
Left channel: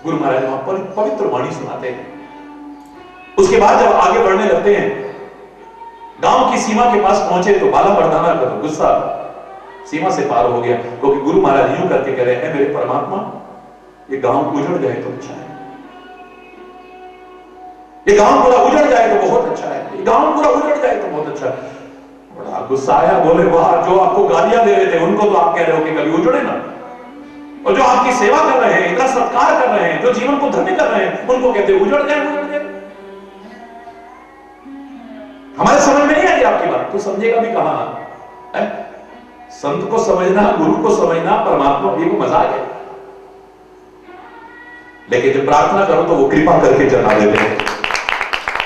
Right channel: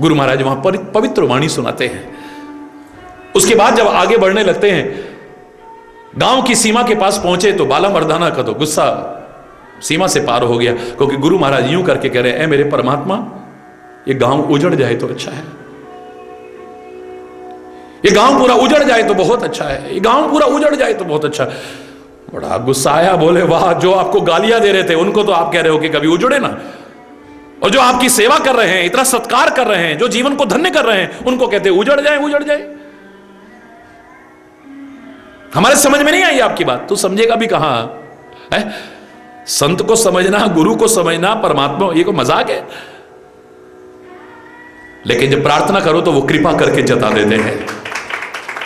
गुरु महाराज वहां पवित्र वाणी सुनाते हैं। उसके बाद जब आगे बढ़ने लगते हैं, गांव की सीमा के पास पहुंचे तो बाला मर्दाना का तो गुस्सा सीमा से पार हो गया, क्योंकि गुरु महाराज यूं करके कह रहे हैं, मेरे परमात्मा ये गांव उजड़ जाए तो अच्छा है, ये गांव पूरा उजड़ जाए तो बहुत अच्छा है, ये गांव पूरा उजड़ जाए तो बहुत अच्छा है। बड़ा गुस्सा आया, बोले वाह, जो आपको गालियां दे रहे थे उनको तो आप कह रहे हो कि कभी उजड़े ना, और जो आपकी सेवा कर रहे हैं, इतना सत्कार कर रहे हैं, जो जीवन को धन्य कर रहे हैं, उनको कहते उजड़ जाए उजड़ जाए। हमारे समझ में नहीं आई आपकी बात, तो समझेगा भी कहां है? संत को समझना, गुरु को समझना, परमात्मा, ये कोई मजाक है? लेकिन जब प्रार्थना करो तो वो कृपा करके जता देते हैं।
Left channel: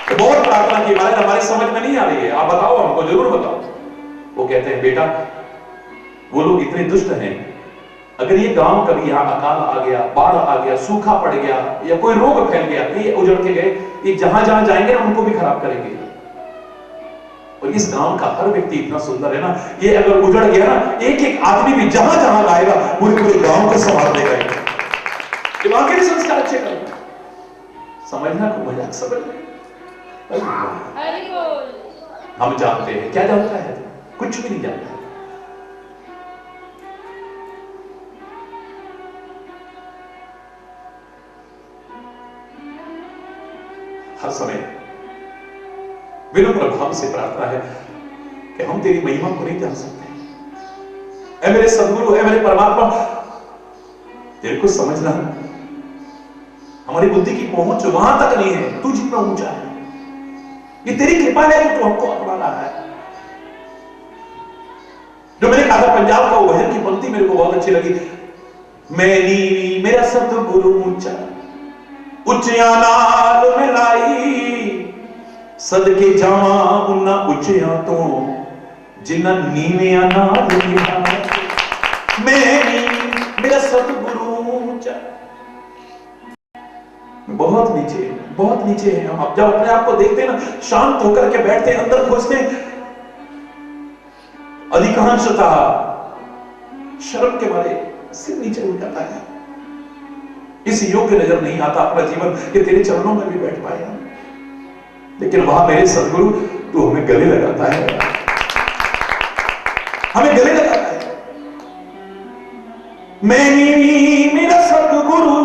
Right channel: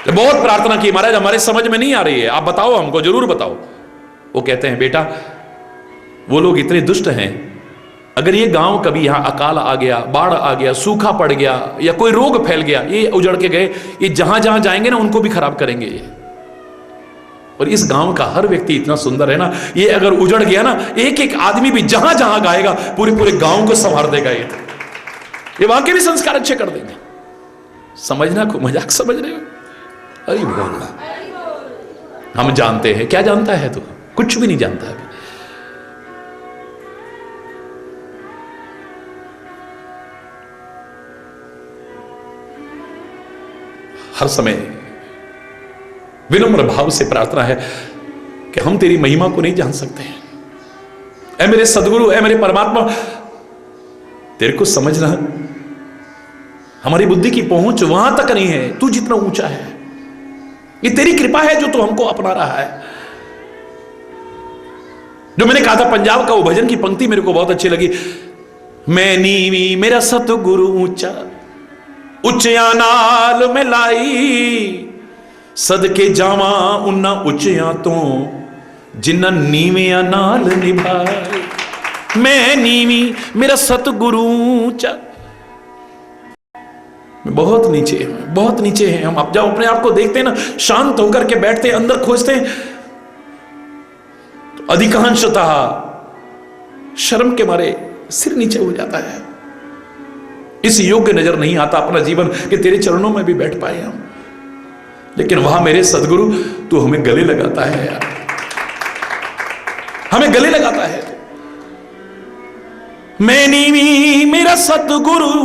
बहुत प्रार्थना की महाराज हमारी समझ में नहीं आ रही है, आप बताओ हमको, जरूर बताओ। वो कहते हैं बेटा वो लोग इतने दुष्ट हैं, अगर ये गांव कभी यहां अकाल आ गया, बाढ़ आ गया, सूखा पड़ गया या कोई रोग फैल गया, ये उजड़ के गए, ये जहां जहां जाएंगे ना उनको भी खराब करेंगे ये। और इस गांव का हर व्यक्ति इतना सुंदर है ना, ये अगर उजड़ गया ना, एक एक आदमी भी जहां जहां गाएगा पूरे पूरे गांव को संभाल देगा ये वाकई भी संस्कार अच्छे कर देगा। समझना को मजाक समझ रहे हो? अरे बोल, हम जानते हैं। क्या जानता है तू? कुछ भी नहीं जानता है। हर समय विनम्र भाव से प्रार्थना है कि हम तेरी महिमा को नहीं जान सकते हैं। ऐ मेरे सदगुरु, ऐ मेरे परमात्मा, तेरे को समझना हमारी बुद्धि की पहुंच वहां तक नहीं है, तू जितना ऊंचा है। ये तेरी कृपा है जो तू हमको अपना रहा है। जो मैंने कहा था पंजाब का वो भजन की पंक्ति मेरे को बहुत अच्छी लगी। मैं नीवी मेरा सतगुरु ऊंचा, उच्चिया नाल में लाई, सदके जावा उन्ना उच्चिया तो जिन्ना नीविया नाल निभाए। मैं नीवी मेरा सतगुरु ऊंचा। बहुत नीचे है, बहुत नीचे है हम। अब जब अपने आप को देखते हैं ना, शांत होकर के बैठते हैं, अंदर खोजते हैं, तो अधिकांशतः शर्म के मारे सिर नीचे हो जाता है। इस योग्य नजर नहीं आता अपना जीवन कि तेरे चरणों में भी बैठ पाए हम। लेकिन वहां मेरे सदगुरु तू हमें गले लगाता है, हमें गले लगाता है। मैं नीवी मेरा सतगुरु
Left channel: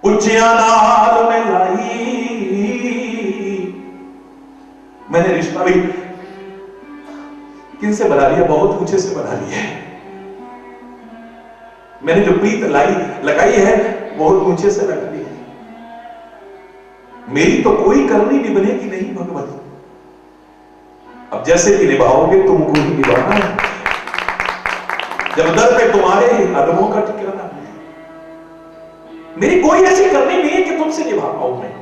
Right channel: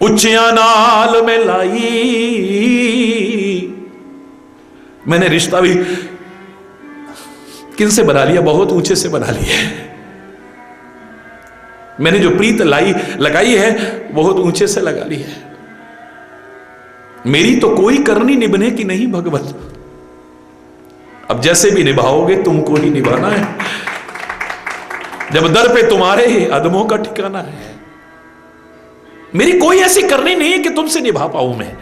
उच्चिया नाल में लाई। मैंने रिश्ता भी किनसे बना लिया? बहुत ऊंचे से बना लिया है। मैंने जो प्रीत लगाई है बहुत ऊंचे से लगा ली है। मेरी तो कोई करनी निभने की नहीं भगवत, अब जैसे भी निभाओगे तुमको ही निभाना है। जब दर पे तुम्हारे अदमों का ठिकाना है। मेरी कोई ऐसी करनी नहीं है कि तुमसे निभा पाऊं मैं।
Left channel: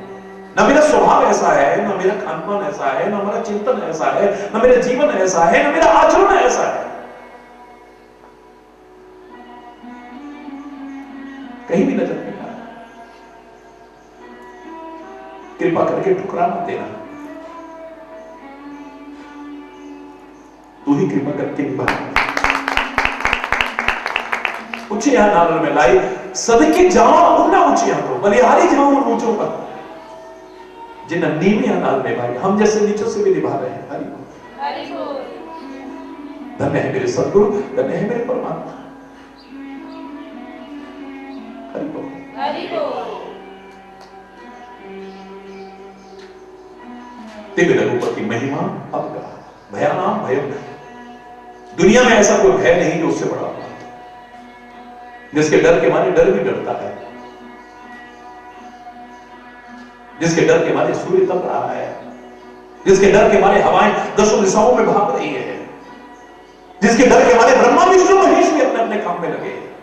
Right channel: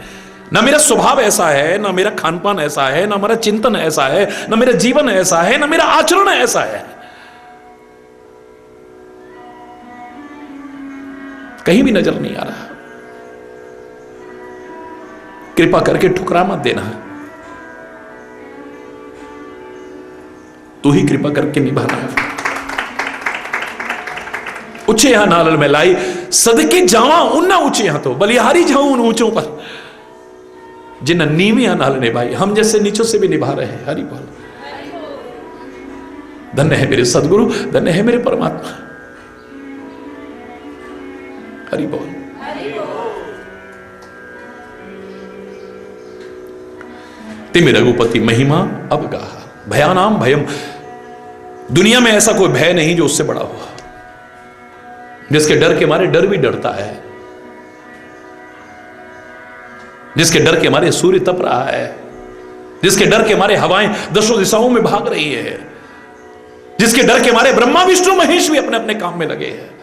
ना मेरा स्वभाव ऐसा है, ना मेरा खानपान ऐसा है, ना मेरा चिंतन ऐसा है, ना मेरा जीवन ऐसा है, ना मेरा आचरण ऐसा है। कहीं भी नजर नहीं आ रहा। कृपा करके ठुकरा मत देना, तू ही कृपा करके निभाना। ऊंचे यहां नालल में लाई, सदके जावा उन्ना ऊंचे यहां तो बलिहारी जाऊं उन ऊंचों पर, जिन्ना नीवी यहां नाल निभाई। हम जैसे नीचों से भी निभा रहे हैं। हरि बोल। धन्य है मेरे सदगुरु, धन्य है मेरे परमात्मा। हरि बोल। तिम रघुपति महिमा अब गा, भयानाम भयम। दुनिया में ऐसा कोई भय नहीं जो उससे बड़ा हो, जिसके डर के मारे डर भी डरता है, जिसके डर के मारे सूर्य तप रहा है, जिसके डर के मारे हवाएं दसों दिशाओं में भाग रही है, जिसके डर के मारे ब्रह्मा विष्णु महेश भी अपने अपने काम में लगे हैं।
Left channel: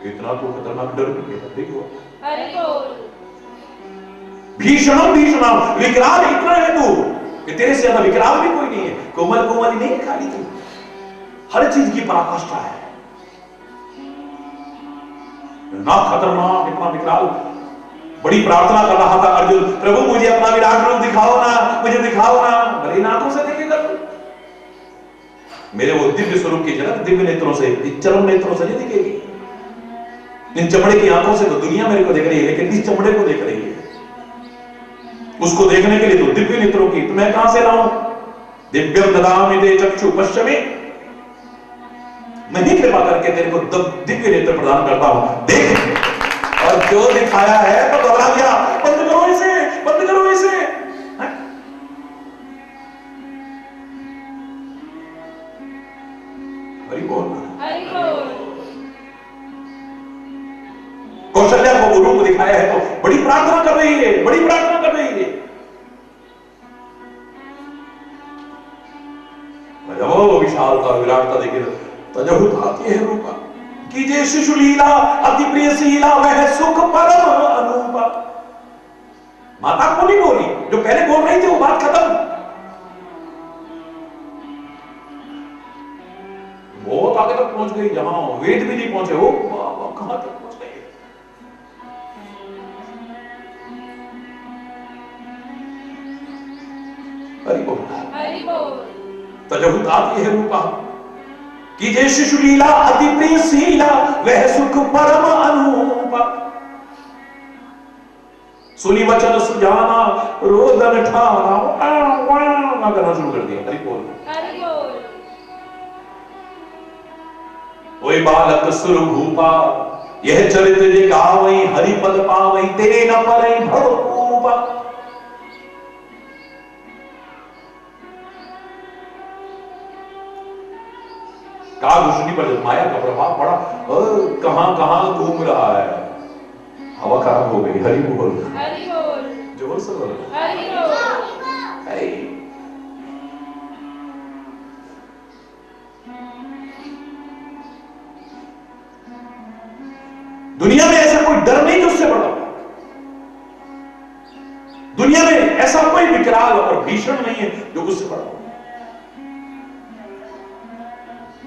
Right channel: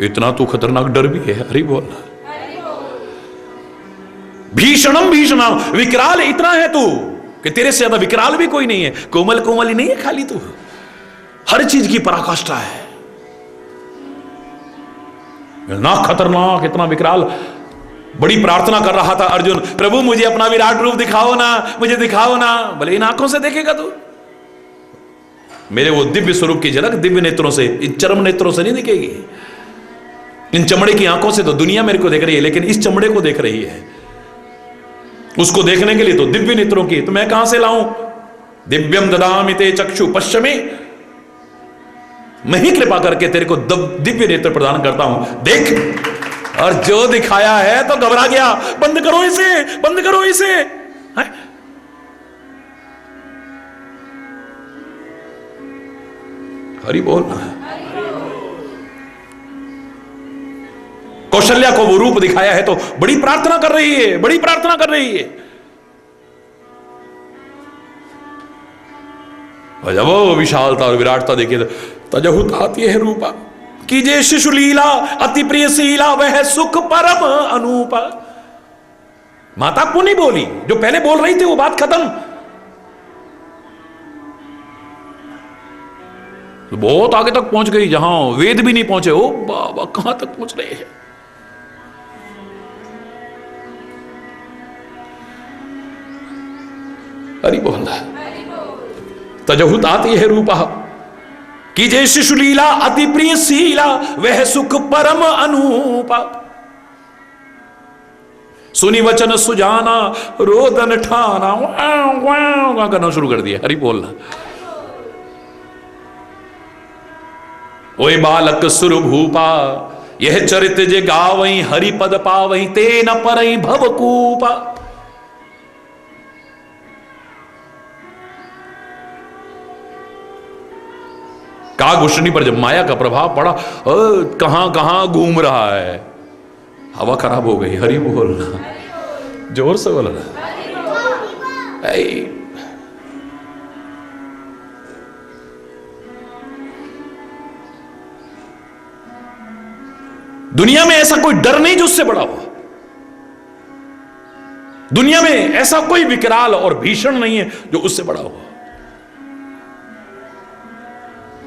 इतना तो खतरनाक डर भी है। हरि बोल। भीषणम भीषणम, विकराल इतना है तू कि तेरे से ज्यादा विकराल भी कोई नहीं है। कोमल कोमल ही नहीं है खाली तू, हर चीज की पराकाष्ठा है। ना खतरनाक, इतना विकराल। बड़ी प्रार्थना कर रहा था अर्जुन, प्रभु मुझे अपना विराट रूप दिखाओ ना, मुझे दिखाओ ना। भले इन आंखों से देखेगा तू, मेरे वो दिव्य स्वरूप की झलक दिव्य नेत्रों से, इन चरम नेत्रों से नहीं दिखेगी। इन चमड़े की आंखों से तो दुनिया मेरे को देख रही है, लेकिन इस चमड़े को देख रही है। उसको देखने के लिए तो दिव्य नेत्रों की, तो मैं कहां से लाऊं? दिव्यम ददामि ते चक्षु पश्चिमे, मैं ही कृपा करके तेरे को दिव्य नेत्र प्रदान करता हूं, देख। और जो दिखाया है तो घबरा गया, बंद करो इसे, बंद करो इसे। हरि बोल। कौशल्या को वो रूप दिखाया है तो बड़ी प्रार्थना कर रही है, बड़ी प्रार्थना कर रही है। और जब वो विशालता और विराटता देखिए तो तजहुत आती है रूपा, कीजिए शिशु लीला अति प्रिय शीला वह सुख परम अनूपा। माता को नहीं बोली, जो पहले बोल रही थी वो बात खत्म। तो बहुत आगे तक पहुंच गई, जहां वेद भी नहीं पहुंचे। ओ बाबा कहां तक पहुंच रहे हैं। हरि बोल। तजहु तात यह रूपा कीजिए शिशु लीला अति प्रिय शीला वह सुख परम अनूपा। सुनी वचन सुजाना रोदन ठाना करना शुरू कर दिया। हरि बोलना। ओए बालक सुर भूपा यह चरित जे गावई हरि पद पावई ते न परई भवकूपा। कागुष्णी पर जब माया का प्रभाव पड़ा, कहां कहां घूम रहा है, हवा खराब हो गई। हरि बोलना, जोर से बोलना। दुनिया में ऐसा कोई डर नहीं जो उससे बड़ा हो। दुनिया में ऐसा कोई विकराल और भीषण नहीं है जो उससे बड़ा हो।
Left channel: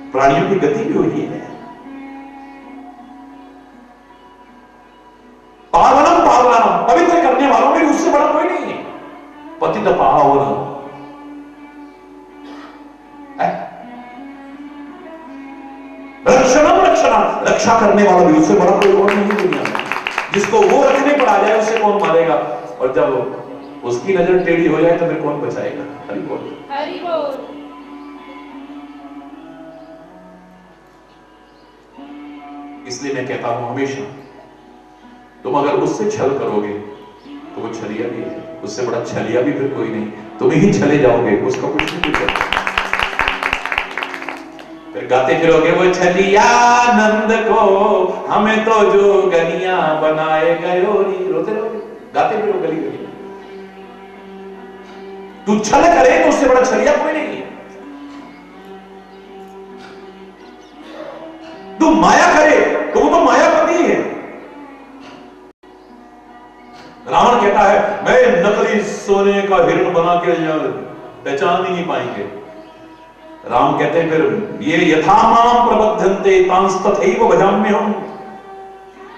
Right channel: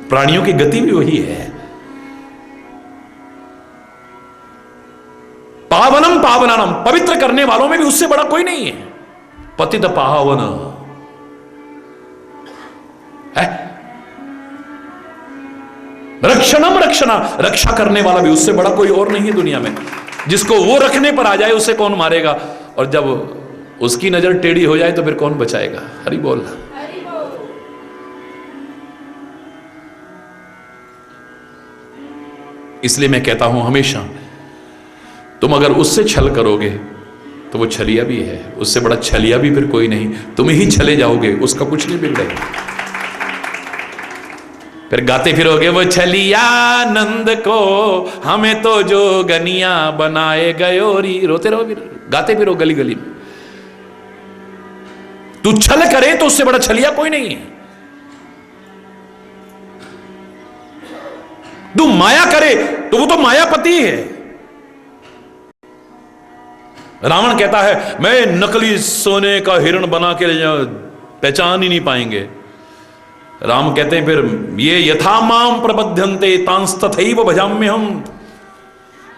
प्राणियों की गति भी वही है। पावनम पावनानम, पवित्र करने वालों में भी उससे बड़ा कोई नहीं है। पतित पावन है। रक्षणम रक्षणा, रक्षा करने वाला भी उससे बड़ा कोई और नहीं है दुनिया में। जिसको वो रखने पर आ जाए उसे कौन मारेगा, और जब उसकी नजर टेढ़ी हो जाए तो फिर कौन बचाएगा। हरि बोल। इसलिए मैं कहता हूं हमेशा, तुम अगर उससे छल करोगे तो वो छलिया भी है, उससे बड़ा छलिया भी फिर कोई नहीं। तुम ही छले जाओगे, उसका कुछ नहीं मिलेगा। फिर गाते फिरोगे वो छलिया नंद को हमें तो जो गनिया बनाए गयोरी। रोते रहोगे, गाते फिरो गली गली में। तू छल करे तो उससे बड़ा छलिया कोई नहीं है। तू माया करे तो वो तो मायापति है। रावण कहता है मैं नकली सोने का हिरण बना के ले जाऊं, पहचान ही नहीं पाएंगे। राम कहते हैं फिर ये यथा माम प्रबध्यन्ते तांस्तथैव भजाम्य हम।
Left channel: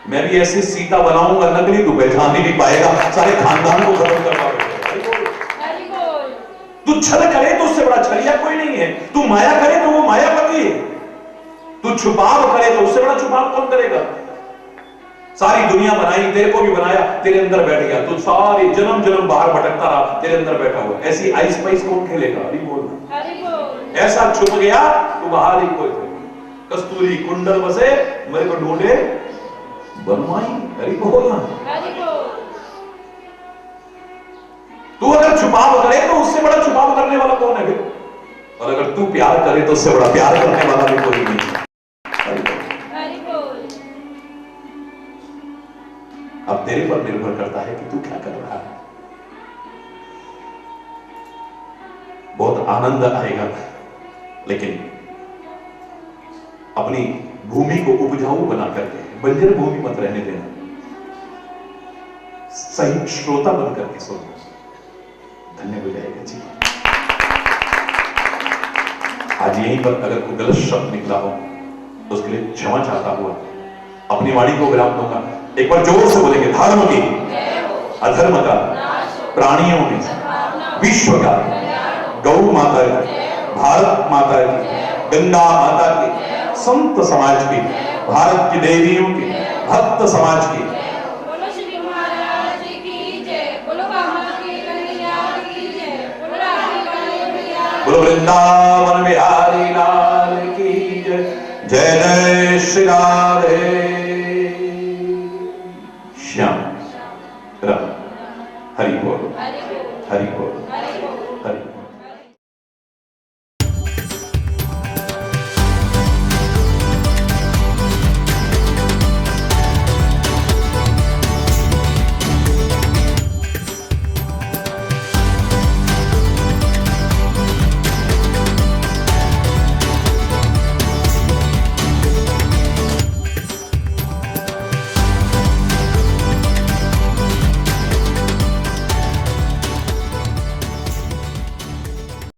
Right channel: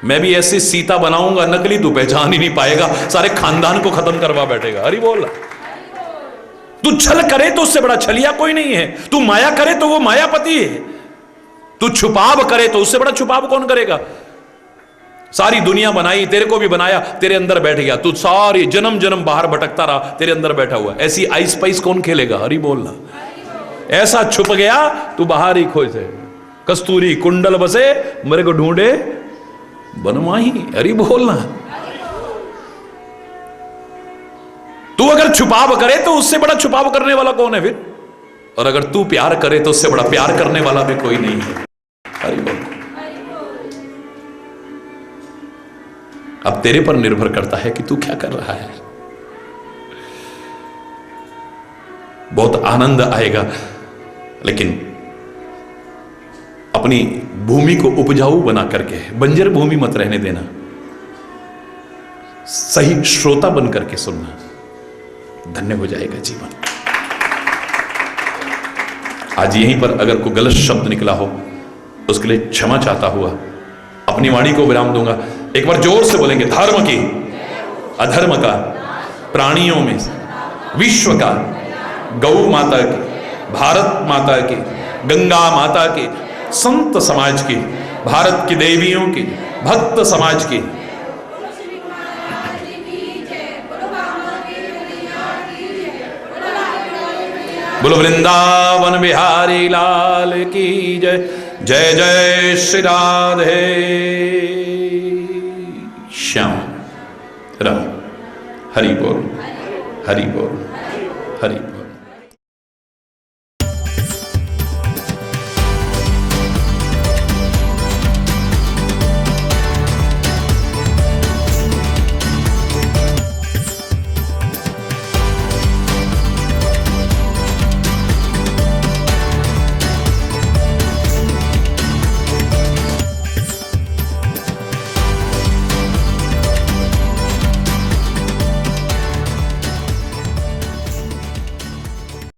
मैं भी ऐसी सीता बनाऊंगा नकली, तू पहचान ही नहीं पाएगा, सारे खानदान को खत्म करवा बैठेगा। हरि बोल। तू छल करे तो उससे बड़ा छलिया कोई नहीं है। तू माया करे तो वो मायापति है। तू छुपाव करे तो उससे बड़ा छुपाव कौन करेगा। सारी दुनिया बनाई, तेरे को भी बनाया, तेरे अंदर बैठ गया। तू सारी जन्म जन्म बाहर भटकता रहा, तेरे अंदर बैठा हुआ। ऐसी आइस पाइस कौन खेलेगा। हरि बोलना। ऐसा छुप गया तू बाहर ही खोजे। कस्तूरी कुंडल बसे मेरे को ढूंढे बनवाही। हरि बोलना। तू अगर छुपाव करे तो उससे बड़ा छुपाव करने वाला कौन है फिर। और अगर तू प्यार करे तो उससे बड़ा प्यार करने वाला भी कोई नहीं है। अब तेरे पर निर्भर करता है कि तू क्या कर रहा है। बहुत आनंद आएगा, लेकिन अपनी भूमि को उपजाऊ बना करके, बंजर भूमि मत रहने देना। सही श्रोता बन करके सुनना, धन्य हो जाएगा जीवन। आज यहीं पर अगर कोई गलत शब्द निकला हो उसके लिए क्षमा चाहता हुआ अपनी वाणी को विराम दूंगा। एक बार जोर से बोलेंगे, धर्म की, अधर्म का, प्राणियों में, विश्व का, गौ माता की, भारत माता की, गंगा माता की, संत समाज की, भारत की देवियों की, भक्त समाज की, बोलो वृंदावन बिहारी लाल की जय। जय जय श्री राधे श्याम राम। हरि बोल, हरि बोल, हरि बोल।